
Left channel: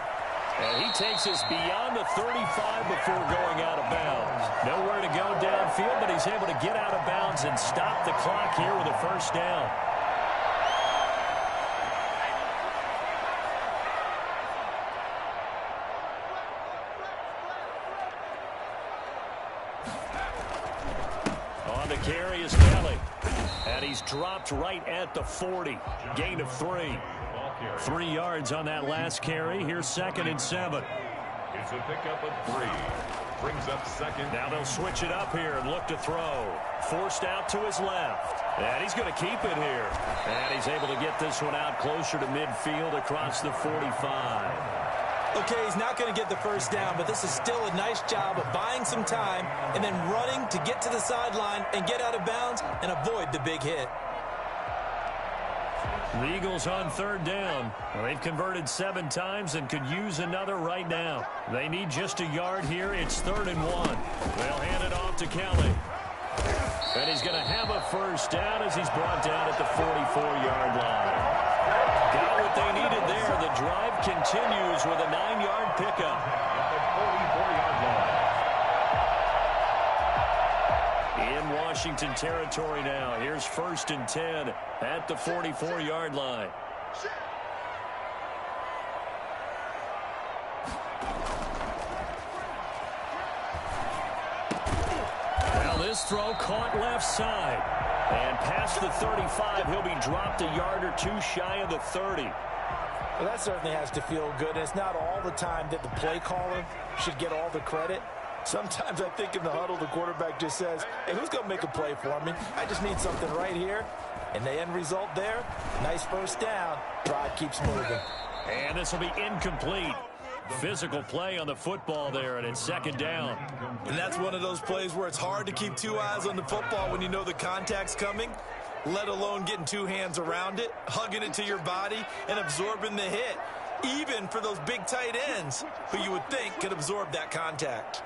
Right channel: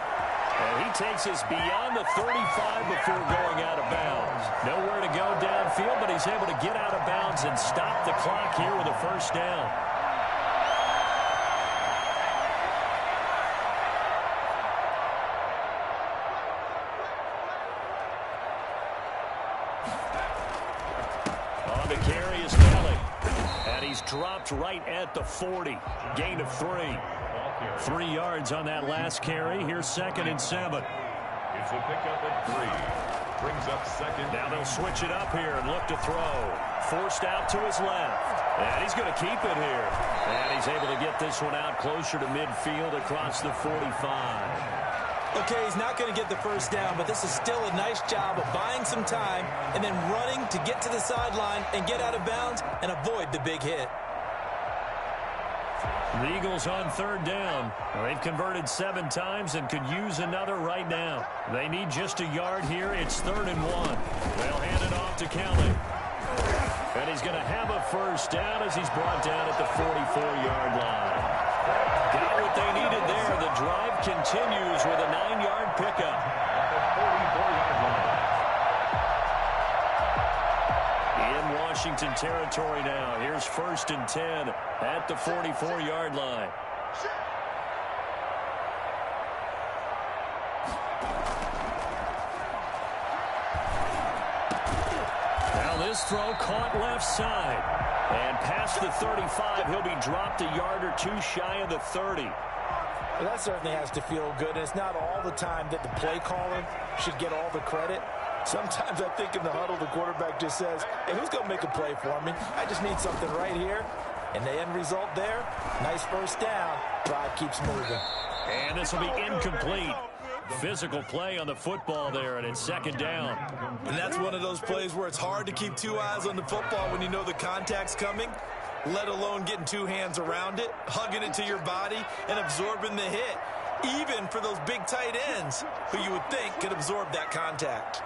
And he takes us beyond the 35 before going out of bounds. Nowhere to go downfield, but he's able to get out of bounds and stop the clock here with a first down. On the carry is Kelly. And he's dropped right at the 40. Gain of 3. 3 yards on that last carry. Here's 2nd and 7. It's a pickup of 3. Brings up 2nd. Now they'll switch it up here and look to throw. Forced out to his left. And he's going to keep it here. And he's able to get this one out closer to midfield across the 45. Okay, he's not going to get the first down, but this is still a nice job of buying some time and then running to get to the sideline and get out of bounds and avoid the big hit. The Eagles on 3rd down. Well, they've converted 7 times and could use another right now. They need just a yard here. It's 3rd and 1. They'll hand it off to Kelly. And he's going to have a first down as he's brought down at the 44-yard line. Got what they needed there. The drive continues with a 9-yard pickup. At the 44-yard line. In Washington territory now. Here's 1st and 10 at the 44-yard line. Now this throw caught left side. And past the 35, he'll be dropped a yard or 2 shy of the 30. Well, that certainly has to feel good. And it's not all the time that the play caller should get all the credit. Sometimes I think in the huddle, the quarterback just says, hey, who's going to make a play for me? I just need something right here. And the end result there, nice first down. Drive keeps moving. And this will be incomplete. Physical play on the football there, and it's 2nd down. And that's one of those plays where it's hard to keep 2 eyes on the football when you know the contact's coming, let alone getting 2 hands around it, hugging it to your body, and absorbing the hit, even for those big tight ends who you would think could absorb that contact.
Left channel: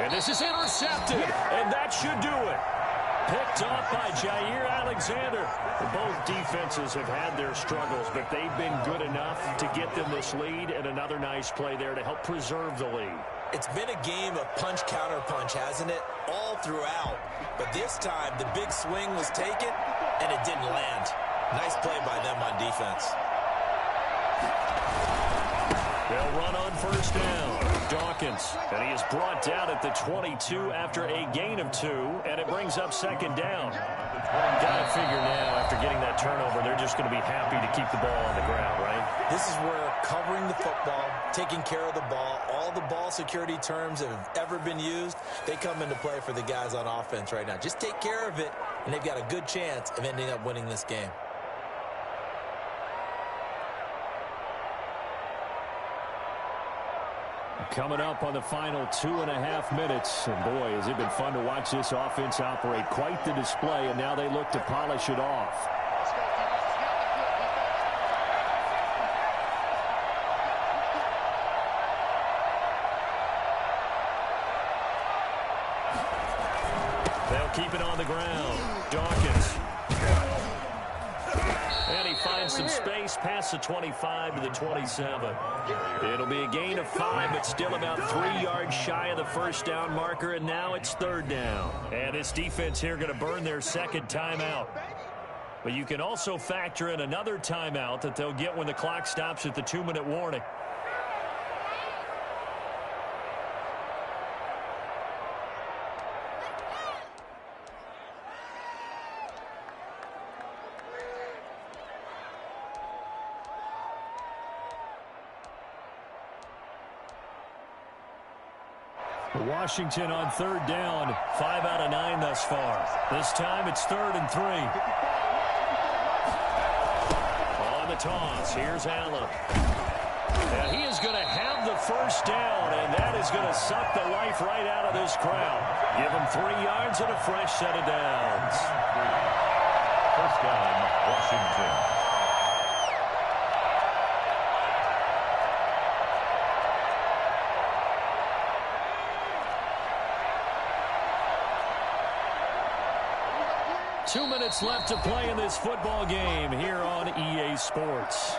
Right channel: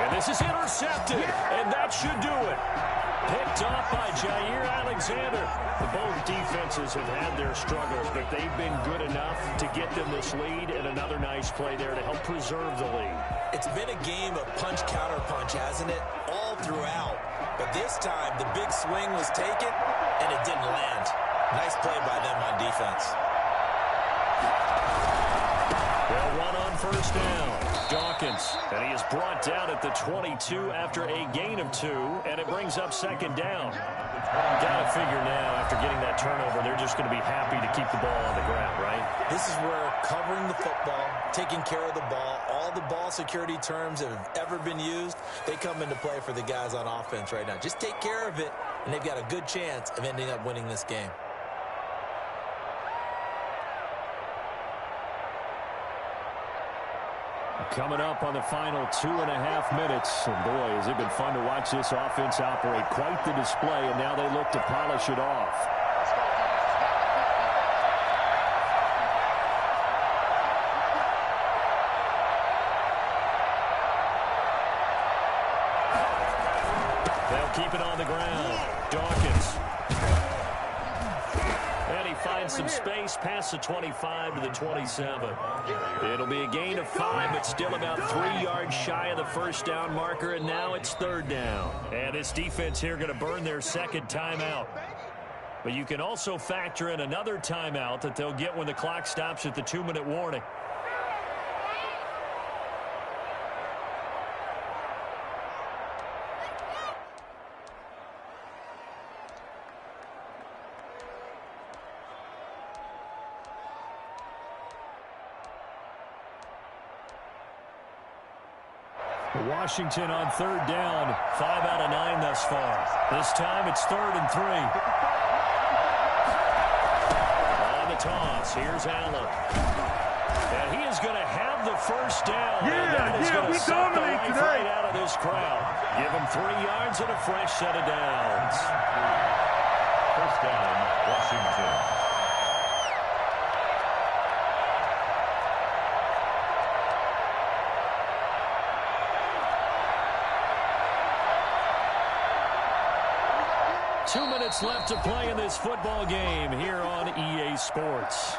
And this is intercepted, and that should do it. Picked off by Jair Alexander. Both defenses have had their struggles, but they've been good enough to get them this lead, and another nice play there to help preserve the lead. It's been a game of punch-counter-punch, hasn't it? All throughout. But this time, the big swing was taken, and it didn't land. Nice play by them on defense. They'll run on first down. Dawkins, and he is brought down at the 22 after a gain of 2, and it brings up 2nd down. Got to figure now, after getting that turnover, they're just going to be happy to keep the ball on the ground, right? This is where covering the football, taking care of the ball, all the ball security terms that have ever been used, they come into play for the guys on offense right now. Just take care of it, and they've got a good chance of ending up winning this game. Coming up on the final 2.5 minutes. And boy, has it been fun to watch this offense operate. Quite the display, and now they look to polish it off. They'll keep it on the ground. Dawkins. And he finds some space past the 25 to the 27. It'll be a gain of 5, but still about 3 yards shy of the first down marker, and now it's 3rd down. And this defense here going to burn their 2nd timeout. But you can also factor in another timeout that they'll get when the clock stops at the 2-minute warning. Washington on third down. 5 out of 9 thus far. This time it's 3rd and 3. On the toss, here's Allen. And he is going to have the first down, and that is going to suck the life right out of this crowd. Give him 3 yards and a fresh set of downs. First down, Washington. Two minutes left to play in this football game here on EA Sports.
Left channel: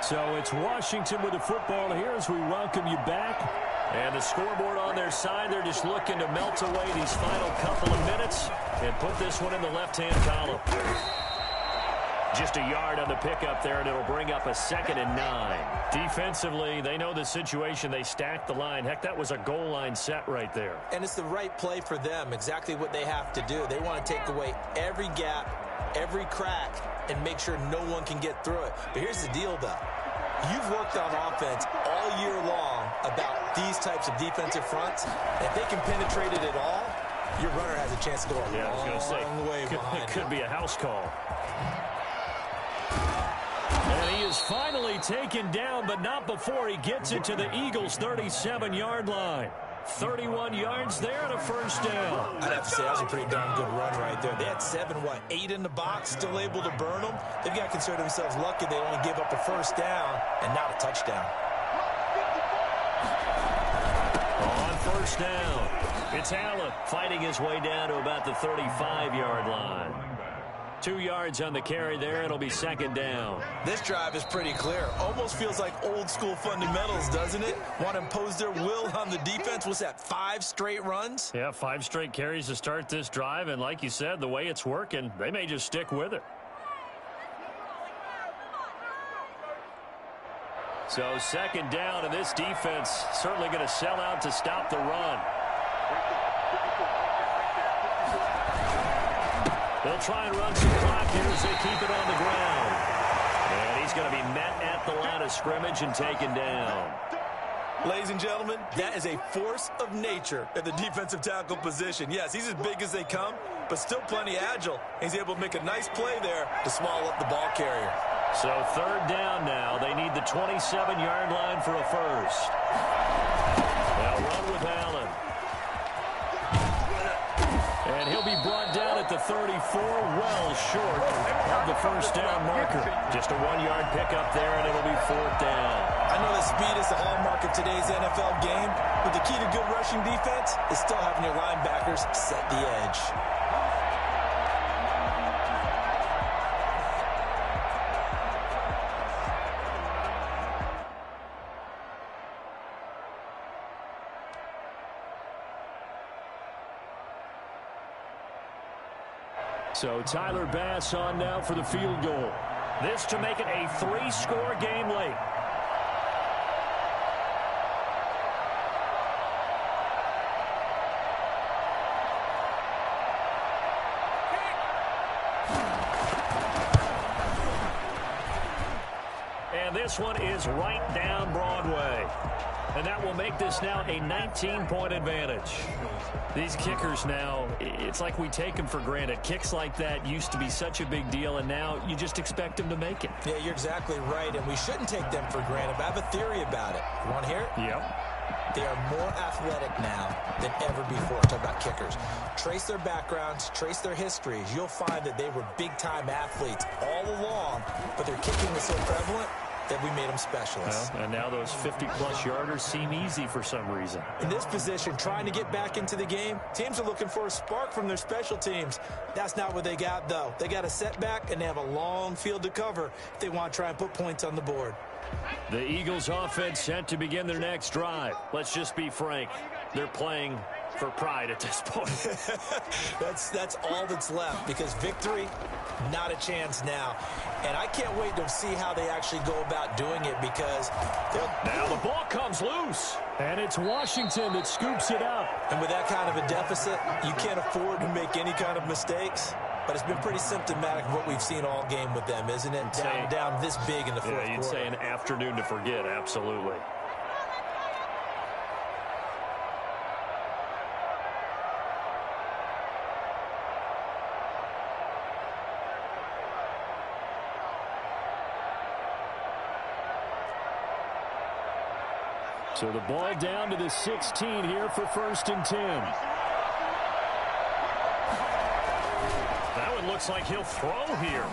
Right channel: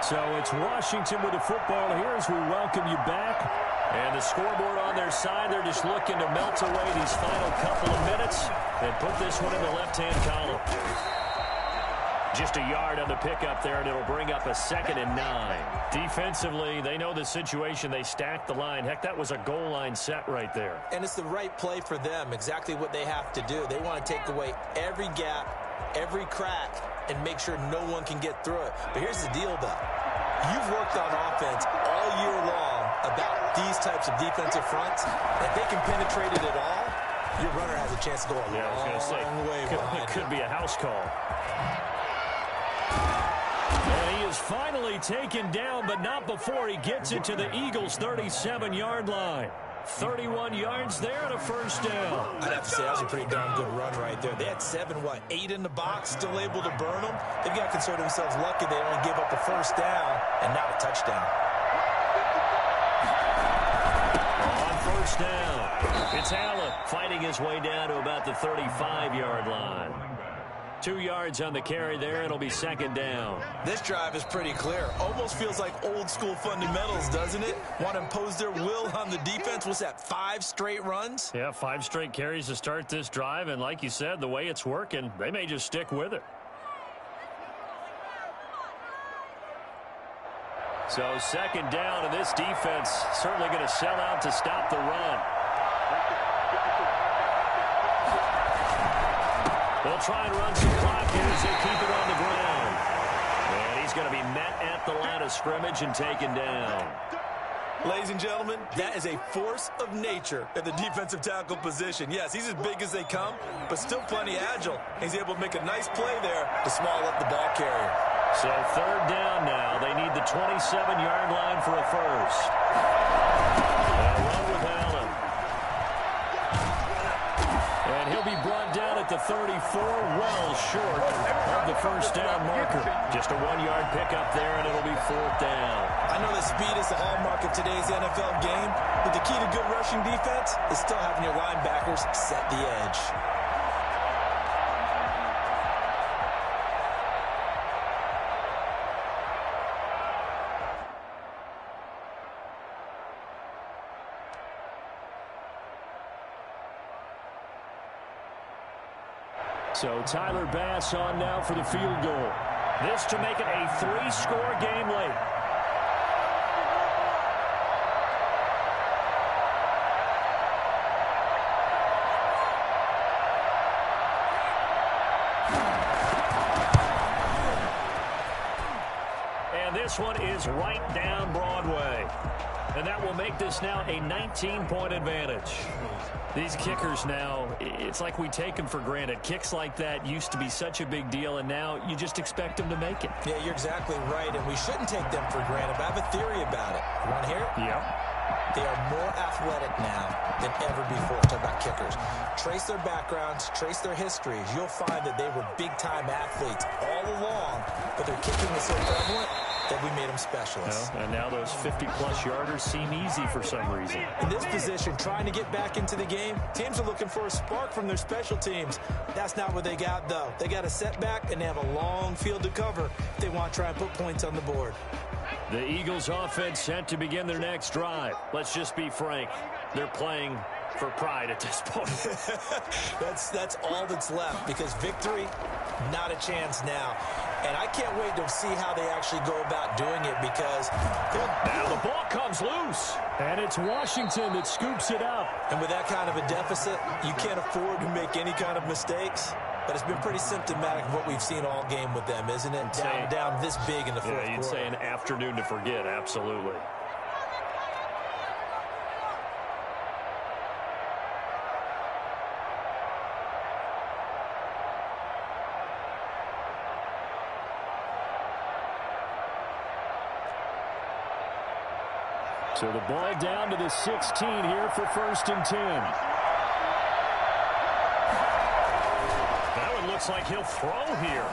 So it's Washington with the football here as we welcome you back. And the scoreboard on their side, they're just looking to melt away these final couple of minutes and put this one in the left-hand column. Just a yard on the pickup there, and it'll bring up a 2nd and 9. Defensively, they know the situation. They stacked the line. Heck, that was a goal line set right there. And it's the right play for them, exactly what they have to do. They want to take away every gap, every crack, and make sure no one can get through it. But here's the deal, though. You've worked on offense all year long about these types of defensive fronts. If they can penetrate it at all, your runner has a chance to go a long way behind. It could be a house call. And he is finally taken down, but not before he gets it to the Eagles' 37-yard line. 31 yards there and a first down. I'd have to say that was a pretty darn good run right there. They had 8 in the box, still able to burn them. They've got to consider themselves lucky they only gave up a first down and not a touchdown. On first down, it's Allen fighting his way down to about the 35-yard line. 2 yards on the carry there. It'll be 2nd down. This drive is pretty clear. Almost feels like old school fundamentals, doesn't it? Want to impose their will on the defense. What's that, 5 straight runs? Yeah, 5 straight carries to start this drive. And like you said, the way it's working, they may just stick with it. So 2nd down, and this defense certainly going to sell out to stop the run. They'll try and run some clock here as they keep it on the ground. And he's going to be met at the line of scrimmage and taken down. Ladies and gentlemen, that is a force of nature at the defensive tackle position. Yes, he's as big as they come, but still plenty agile. He's able to make a nice play there to swallow up the ball carrier. So 3rd down now. They need the 27-yard line for a first. They'll run with Allen. And he'll be brought down at the 34, well short of the first down marker. Just a 1-yard pickup there, and it'll be 4th down. I know that speed is the hallmark of today's NFL game, but the key to good rushing defense is still having your linebackers set the edge. So Tyler Bass on now for the field goal. This to make it a 3-score game late. And this one is right down Broadway. And that will make this now a 19-point advantage. These kickers now, it's like we take them for granted. Kicks like that used to be such a big deal, and now you just expect them to make it. Yeah, you're exactly right, and we shouldn't take them for granted, but I have a theory about it. You want to hear it? Yep. They are more athletic now than ever before. Talk about kickers. Trace their backgrounds, trace their histories. You'll find that they were big-time athletes all along, but their kicking is so prevalent, that we made them specialists. Well, and now those 50-plus yarders seem easy for some reason. In this position, trying to get back into the game, teams are looking for a spark from their special teams. That's not what they got, though. They got a setback, and they have a long field to cover if they want to try and put points on the board. The Eagles offense set to begin their next drive. Let's just be frank. They're playing for pride at this point. That's all that's left, because victory, not a chance now. And I can't wait to see how they actually go about doing it, because now the ball comes loose. And it's Washington that scoops it up. And with that kind of a deficit, you can't afford to make any kind of mistakes. But it's been pretty symptomatic of what we've seen all game with them, isn't it? Down this big in the fourth quarter. You'd say an afternoon to forget, absolutely. So the ball down to the 16 here for 1st and 10. That one looks like he'll throw here.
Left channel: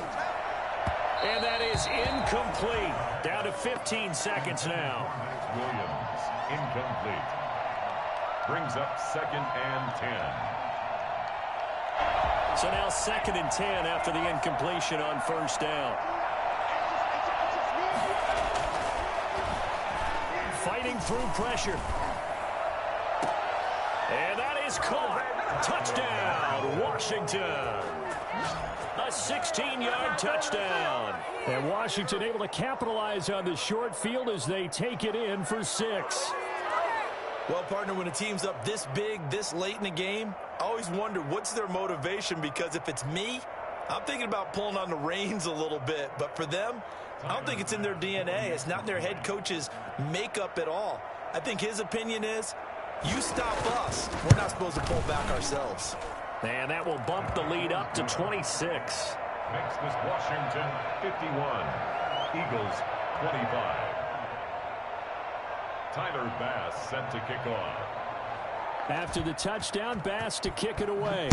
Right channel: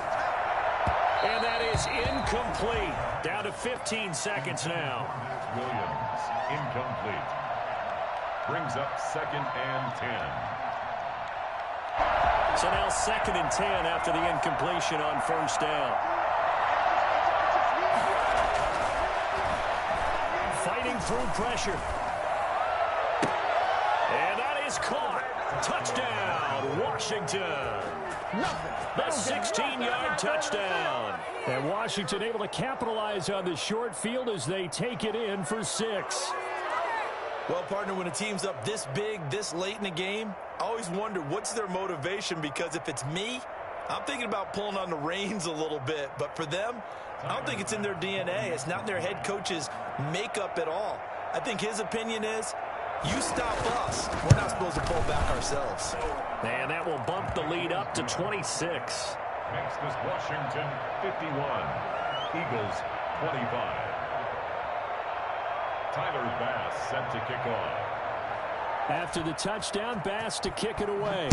And that is incomplete. Down to 15 seconds now. Williams, incomplete. Brings up 2nd and 10. So now 2nd and 10 after the incompletion on 1st down. Fighting through pressure. And that is caught. Touchdown, Washington. The 16-yard touchdown. And Washington able to capitalize on the short field as they take it in for 6. Well, partner, when a team's up this big, this late in the game, I always wonder what's their motivation, because if it's me, I'm thinking about pulling on the reins a little bit. But for them, I don't think it's in their DNA. It's not in their head coach's makeup at all. I think his opinion is, you stop us, we're not supposed to pull back ourselves. And that will bump the lead up to 26. Makes this Washington 51. Eagles 25. Tyler Bass set to kick off. After the touchdown, Bass to kick it away.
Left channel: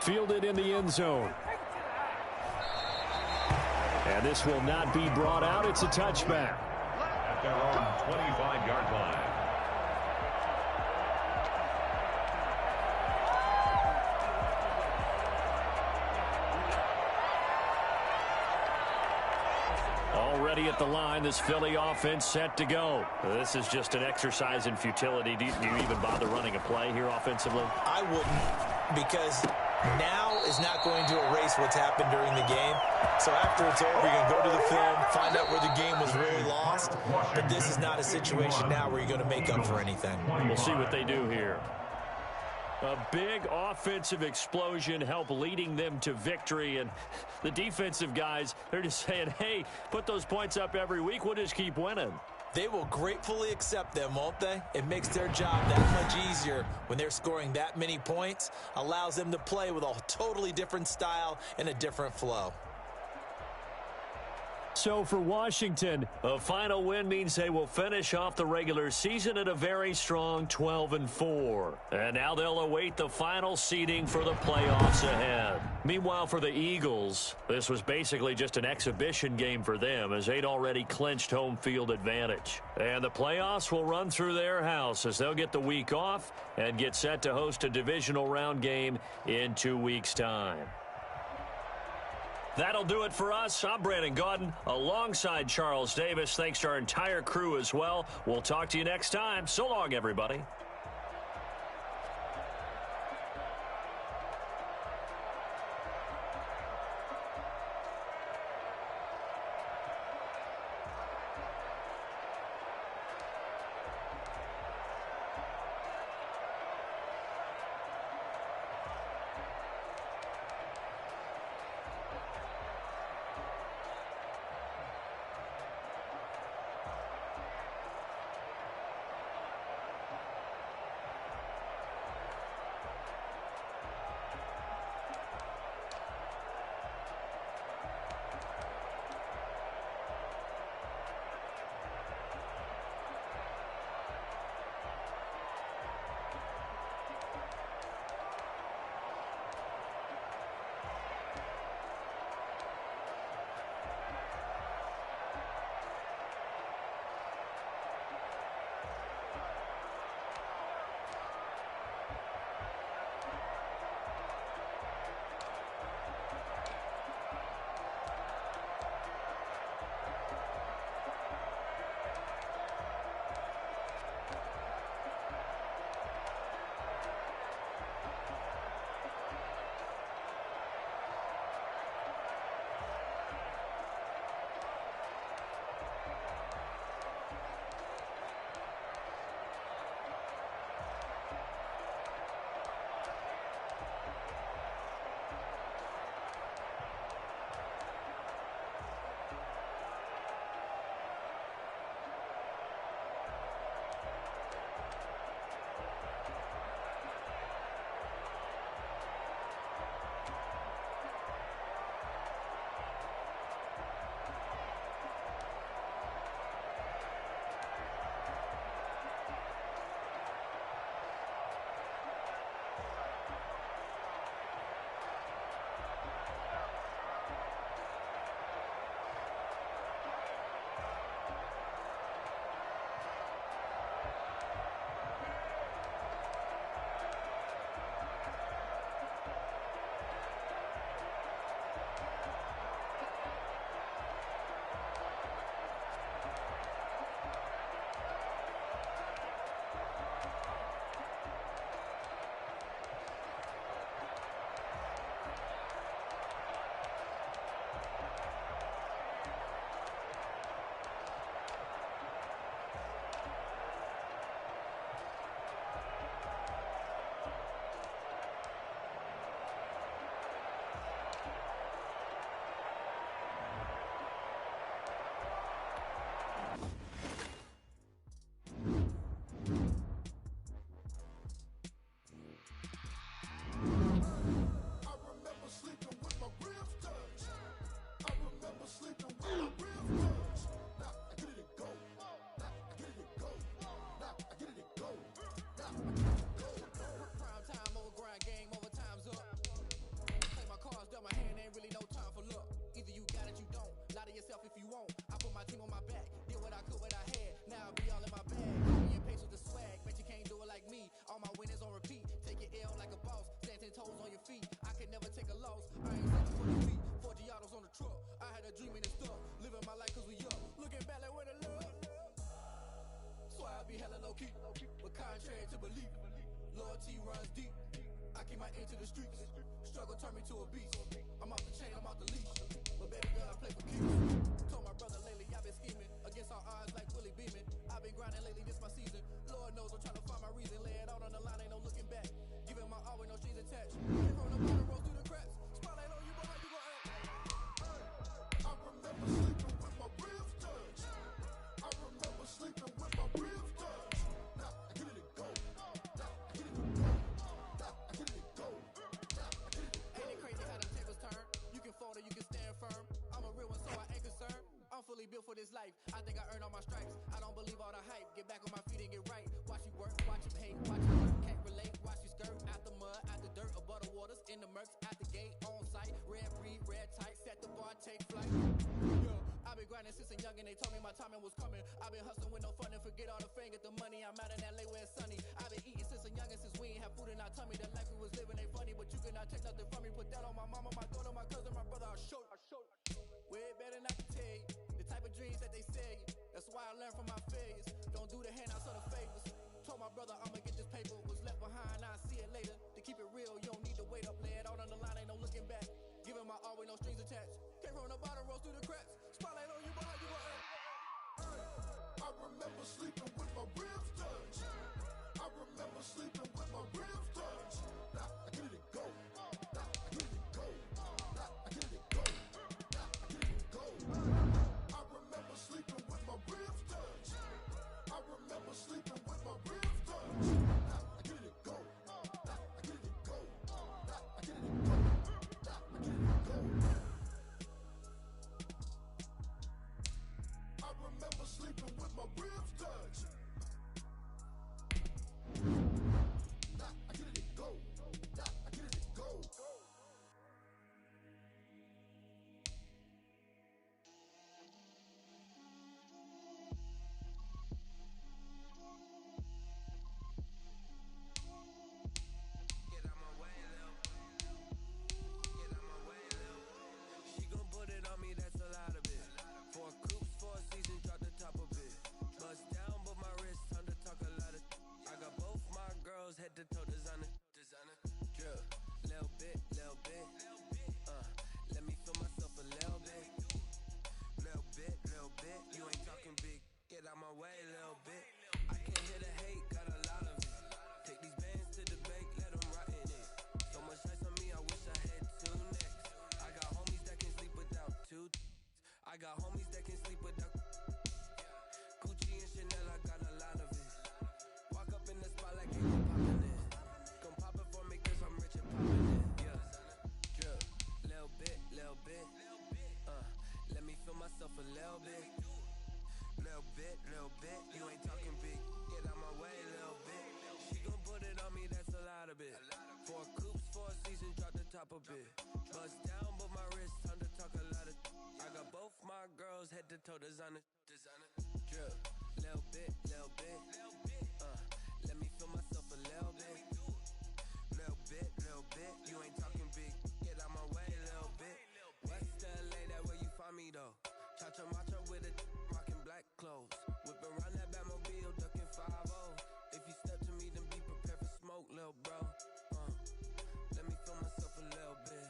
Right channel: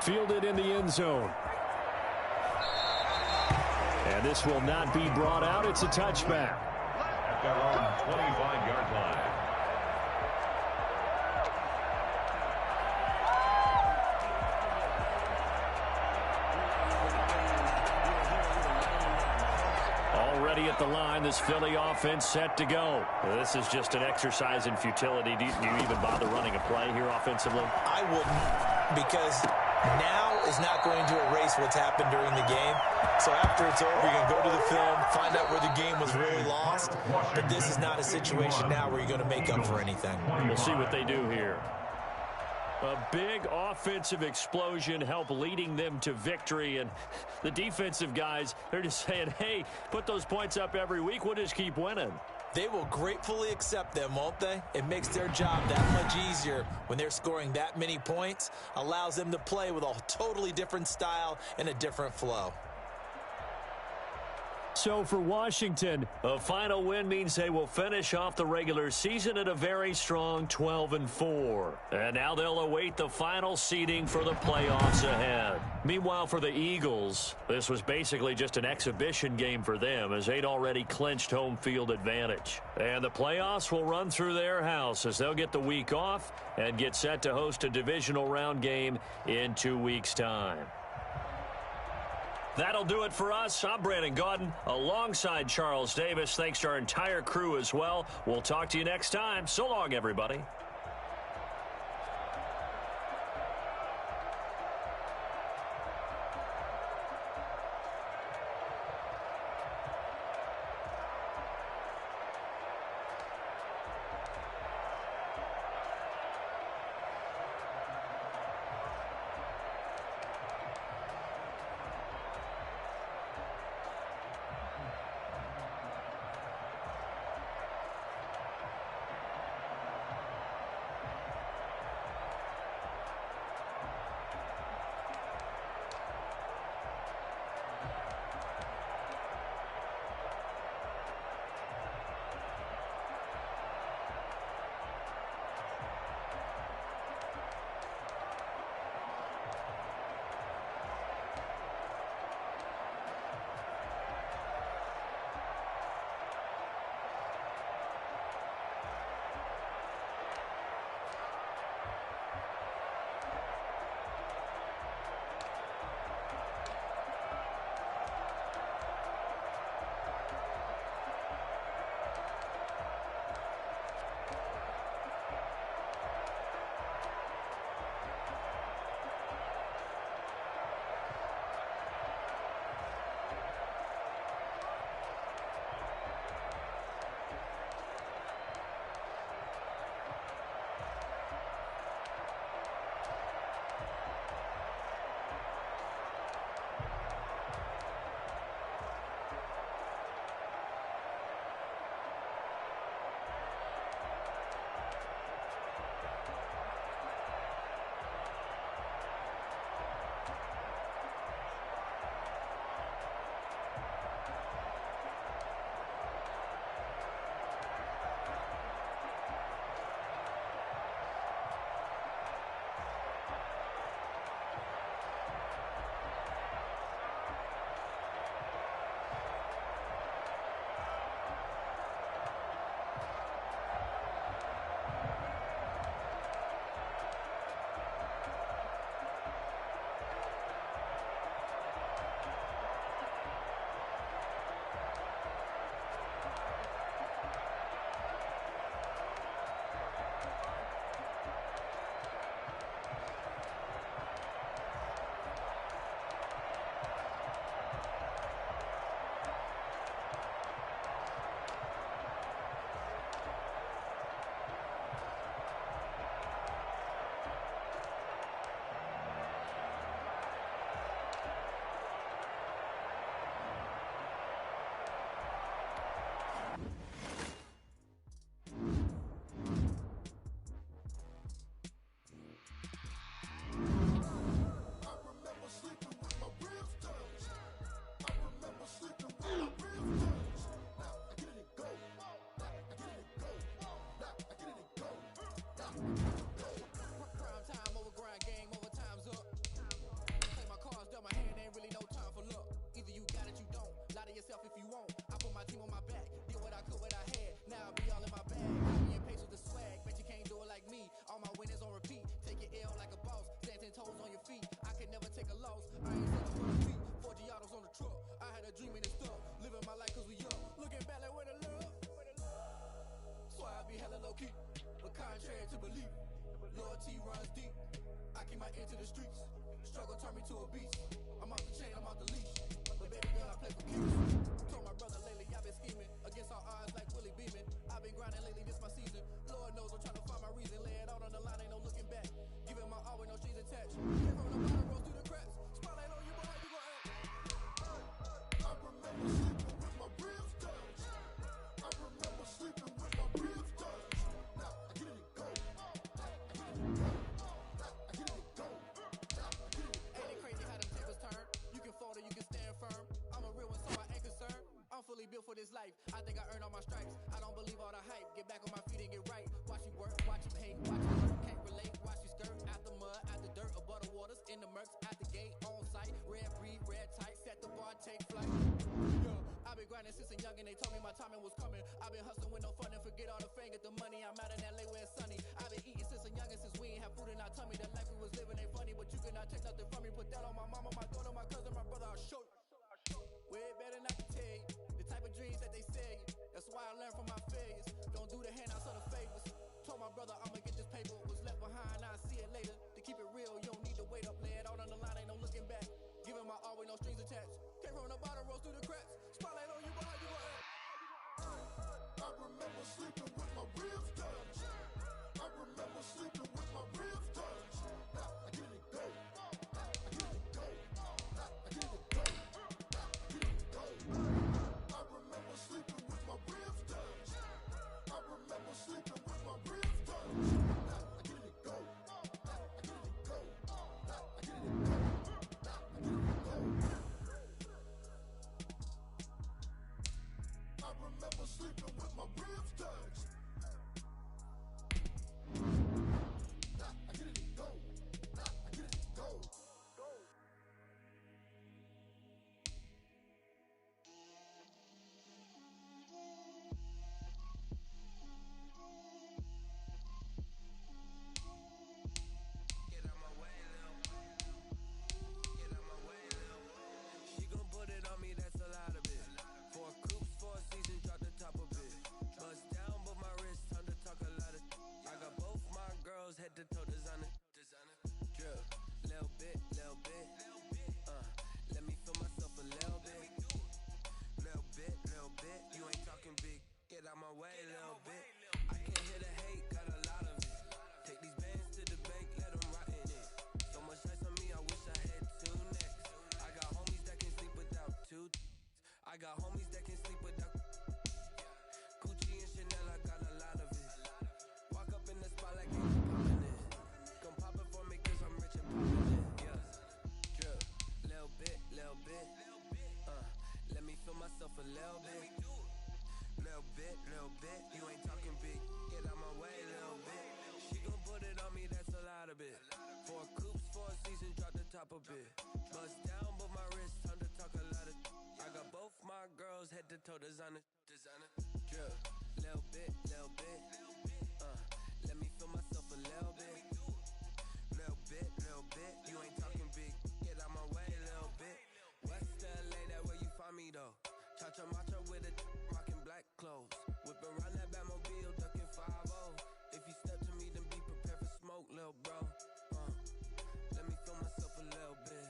Fielded in the end zone. And this will not be brought out. It's a touchback. At their own 25-yard line. Already at the line, this Philly offense set to go. This is just an exercise in futility. Do you even bother running a play here offensively? I wouldn't, because now is not going to erase what's happened during the game. So after it's over, you're going to go to the film, find out where the game was really lost. But this is not a situation now where you're going to make up for anything. We'll see what they do here. A big offensive explosion helped leading them to victory. And the defensive guys, they're just saying, hey, put those points up every week. We'll just keep winning. They will gratefully accept them, won't they? It makes their job that much easier when they're scoring that many points. Allows them to play with a totally different style and a different flow. So for Washington, a final win means they will finish off the regular season at a very strong 12-4. And now they'll await the final seeding for the playoffs ahead. Meanwhile, for the Eagles, this was basically just an exhibition game for them, as they'd already clinched home field advantage. And the playoffs will run through their house as they'll get the week off and get set to host a divisional round game in 2 weeks' time. That'll do it for us. I'm Brandon Gaudin alongside Charles Davis. Thanks to our entire crew as well. We'll talk to you next time. So long, everybody. never take a loss. I ain't selling for the beat, 40 autos on the truck. I had a dream and it stuck, living my life cause we young. Looking back like where the love. So I be hella low key, but contrary to belief, loyalty runs deep. I keep my ear to the streets, struggle turn me to a beast. I'm off the chain, I'm off the leash, but baby girl I play for keeps. Told my brother lately I've been scheming, against all odds like Willie Beeman. I've been grinding lately, this my season. Lord knows I'm trying to find my reason, lay it out on the line, ain't no looking back. Giving my all with no strings attached. Came from the bottom, rose through the cracks. Spotlight on you, boy, how you gon' act? I remember sleeping with my ribs touched. I remember sleeping with my ribs touched. Now I get it go. Now I get it go. Now I get it go. Ain't it crazy how them tables turn? You can fold or you can stand firm. I'm a real one, so I ain't concerned. I'm fully built for this life. I think I earned all my stripes. I don't believe all the hype. Get back on my feet and get right. Watch you work, watch you paint, watch you work. Can't relate, watch you skirt. Out the mud, out the dirt, above the waters, in the murks, out the gate, on site. Red breed, red tight, set the bar, take flight. Yeah, I've been grinding since a young and they told me my timing was coming. I've been hustling with no fun and forget all the fame, get the money. I'm out in LA where it's sunny. I've been eating since a young and since we ain't have food in our tummy. The life we was living ain't funny, but you cannot take nothing from me. Put that on my mama, my daughter, my cousin, my brother, I'll show you. Way better not to tell you the type of dreams that they sell you. That's why I learned from my failures. Don't do the handouts or the favors. Told my brother I'ma get this paper. Was left behind, I'll see it later. To keep it real, you don't need to wait up. Lay it out on the line, ain't no looking back. Giving my all with no strings attached. Came from the bottom, rose through the cracks. Spotlight on you, boy, how you gon' act? I remember sleeping with my ribs touched. I remember sleeping with my ribs touched. Now I get it go. Now I get it go. Now I get it go. Now I get it go. I remember sleeping with my ribs touched. I remember sleeping with my ribs touched. Now I get it go. Now I get it go. Now I get it go. Now I get it go. I remember sleeping with my ribs touched. Now I get it go. Now I get it go. Get out my way, Lil. Get out my way, Lil. She gon' put it on me, that's a lot of it. 4 coops, 4 seasons, drop the top of it. Bust down, but my wrist, time to talk a lot of. I got both my girls, head to toe designer. Drip, little bit, little bit. Let me feel myself a little bit. Little bit. You ain't talking big. Get out my way, little bit. I can't hear the hate, got a lot of it. Take these bands to the bank, let them rot in it. So much ice on me, I wish I had 2 necks. I got homies that can sleep without 2. I got homies that can sleep without Gucci and Chanel, I got a lot of it. Walk up in the spot like ain't no poppin' in. Gon' pop it for me cause I'm rich and poppin' in. Yeah, drip, little bit. Let me feel myself a little bit. Little bit. You ain't talking big. Get out my way, little bit. She gon' put it on me, that's a lot of it. 4 coops, 4 seasons, drop the top a bit. Bust down, but my wrist, time to talk a lot of. I got both my girls, head to toe designer. Drip, little bit. Let me feel myself a little bit. Little bit. You ain't talking big. Get out my way, little bit. West LA, that where you find me though. Cha-cha matcha with a rockin' black clothes. Whip around that Batmobile, ducking 5-0. If you step to me, then be prepared for smoke, lil' bro. Let me feel myself a little bit.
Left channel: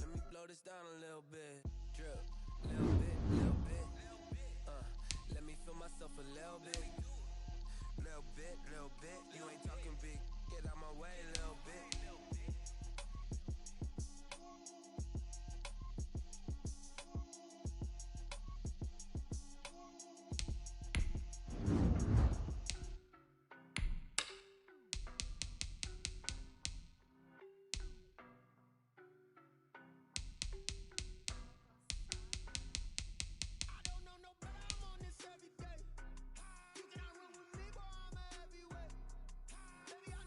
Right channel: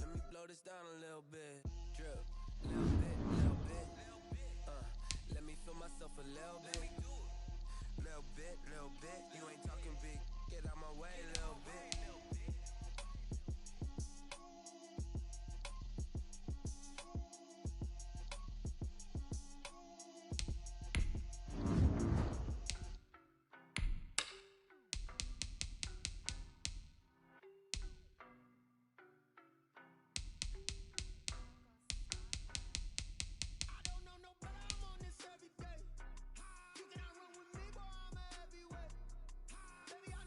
Let me blow this down a little bit. Drip, little bit. Let me feel myself a little bit. Little bit. You ain't talking big. Get out my way, little bit. Every day. You cannot run with me, boy, I'm a heavyweight. Baby, I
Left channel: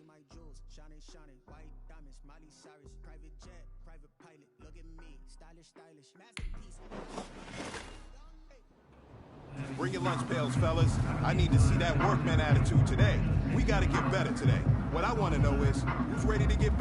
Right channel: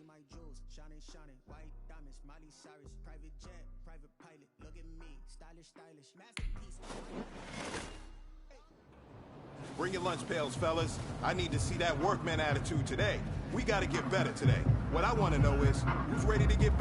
see my jewels, shining, shining, white diamonds, Miley Cyrus, private jet, private pilot. Look at me, stylish, stylish, masterpiece. Bring your lunch pails, fellas. I need to see that workman attitude today. We got to get better today. What I want to know is, who's ready to get better?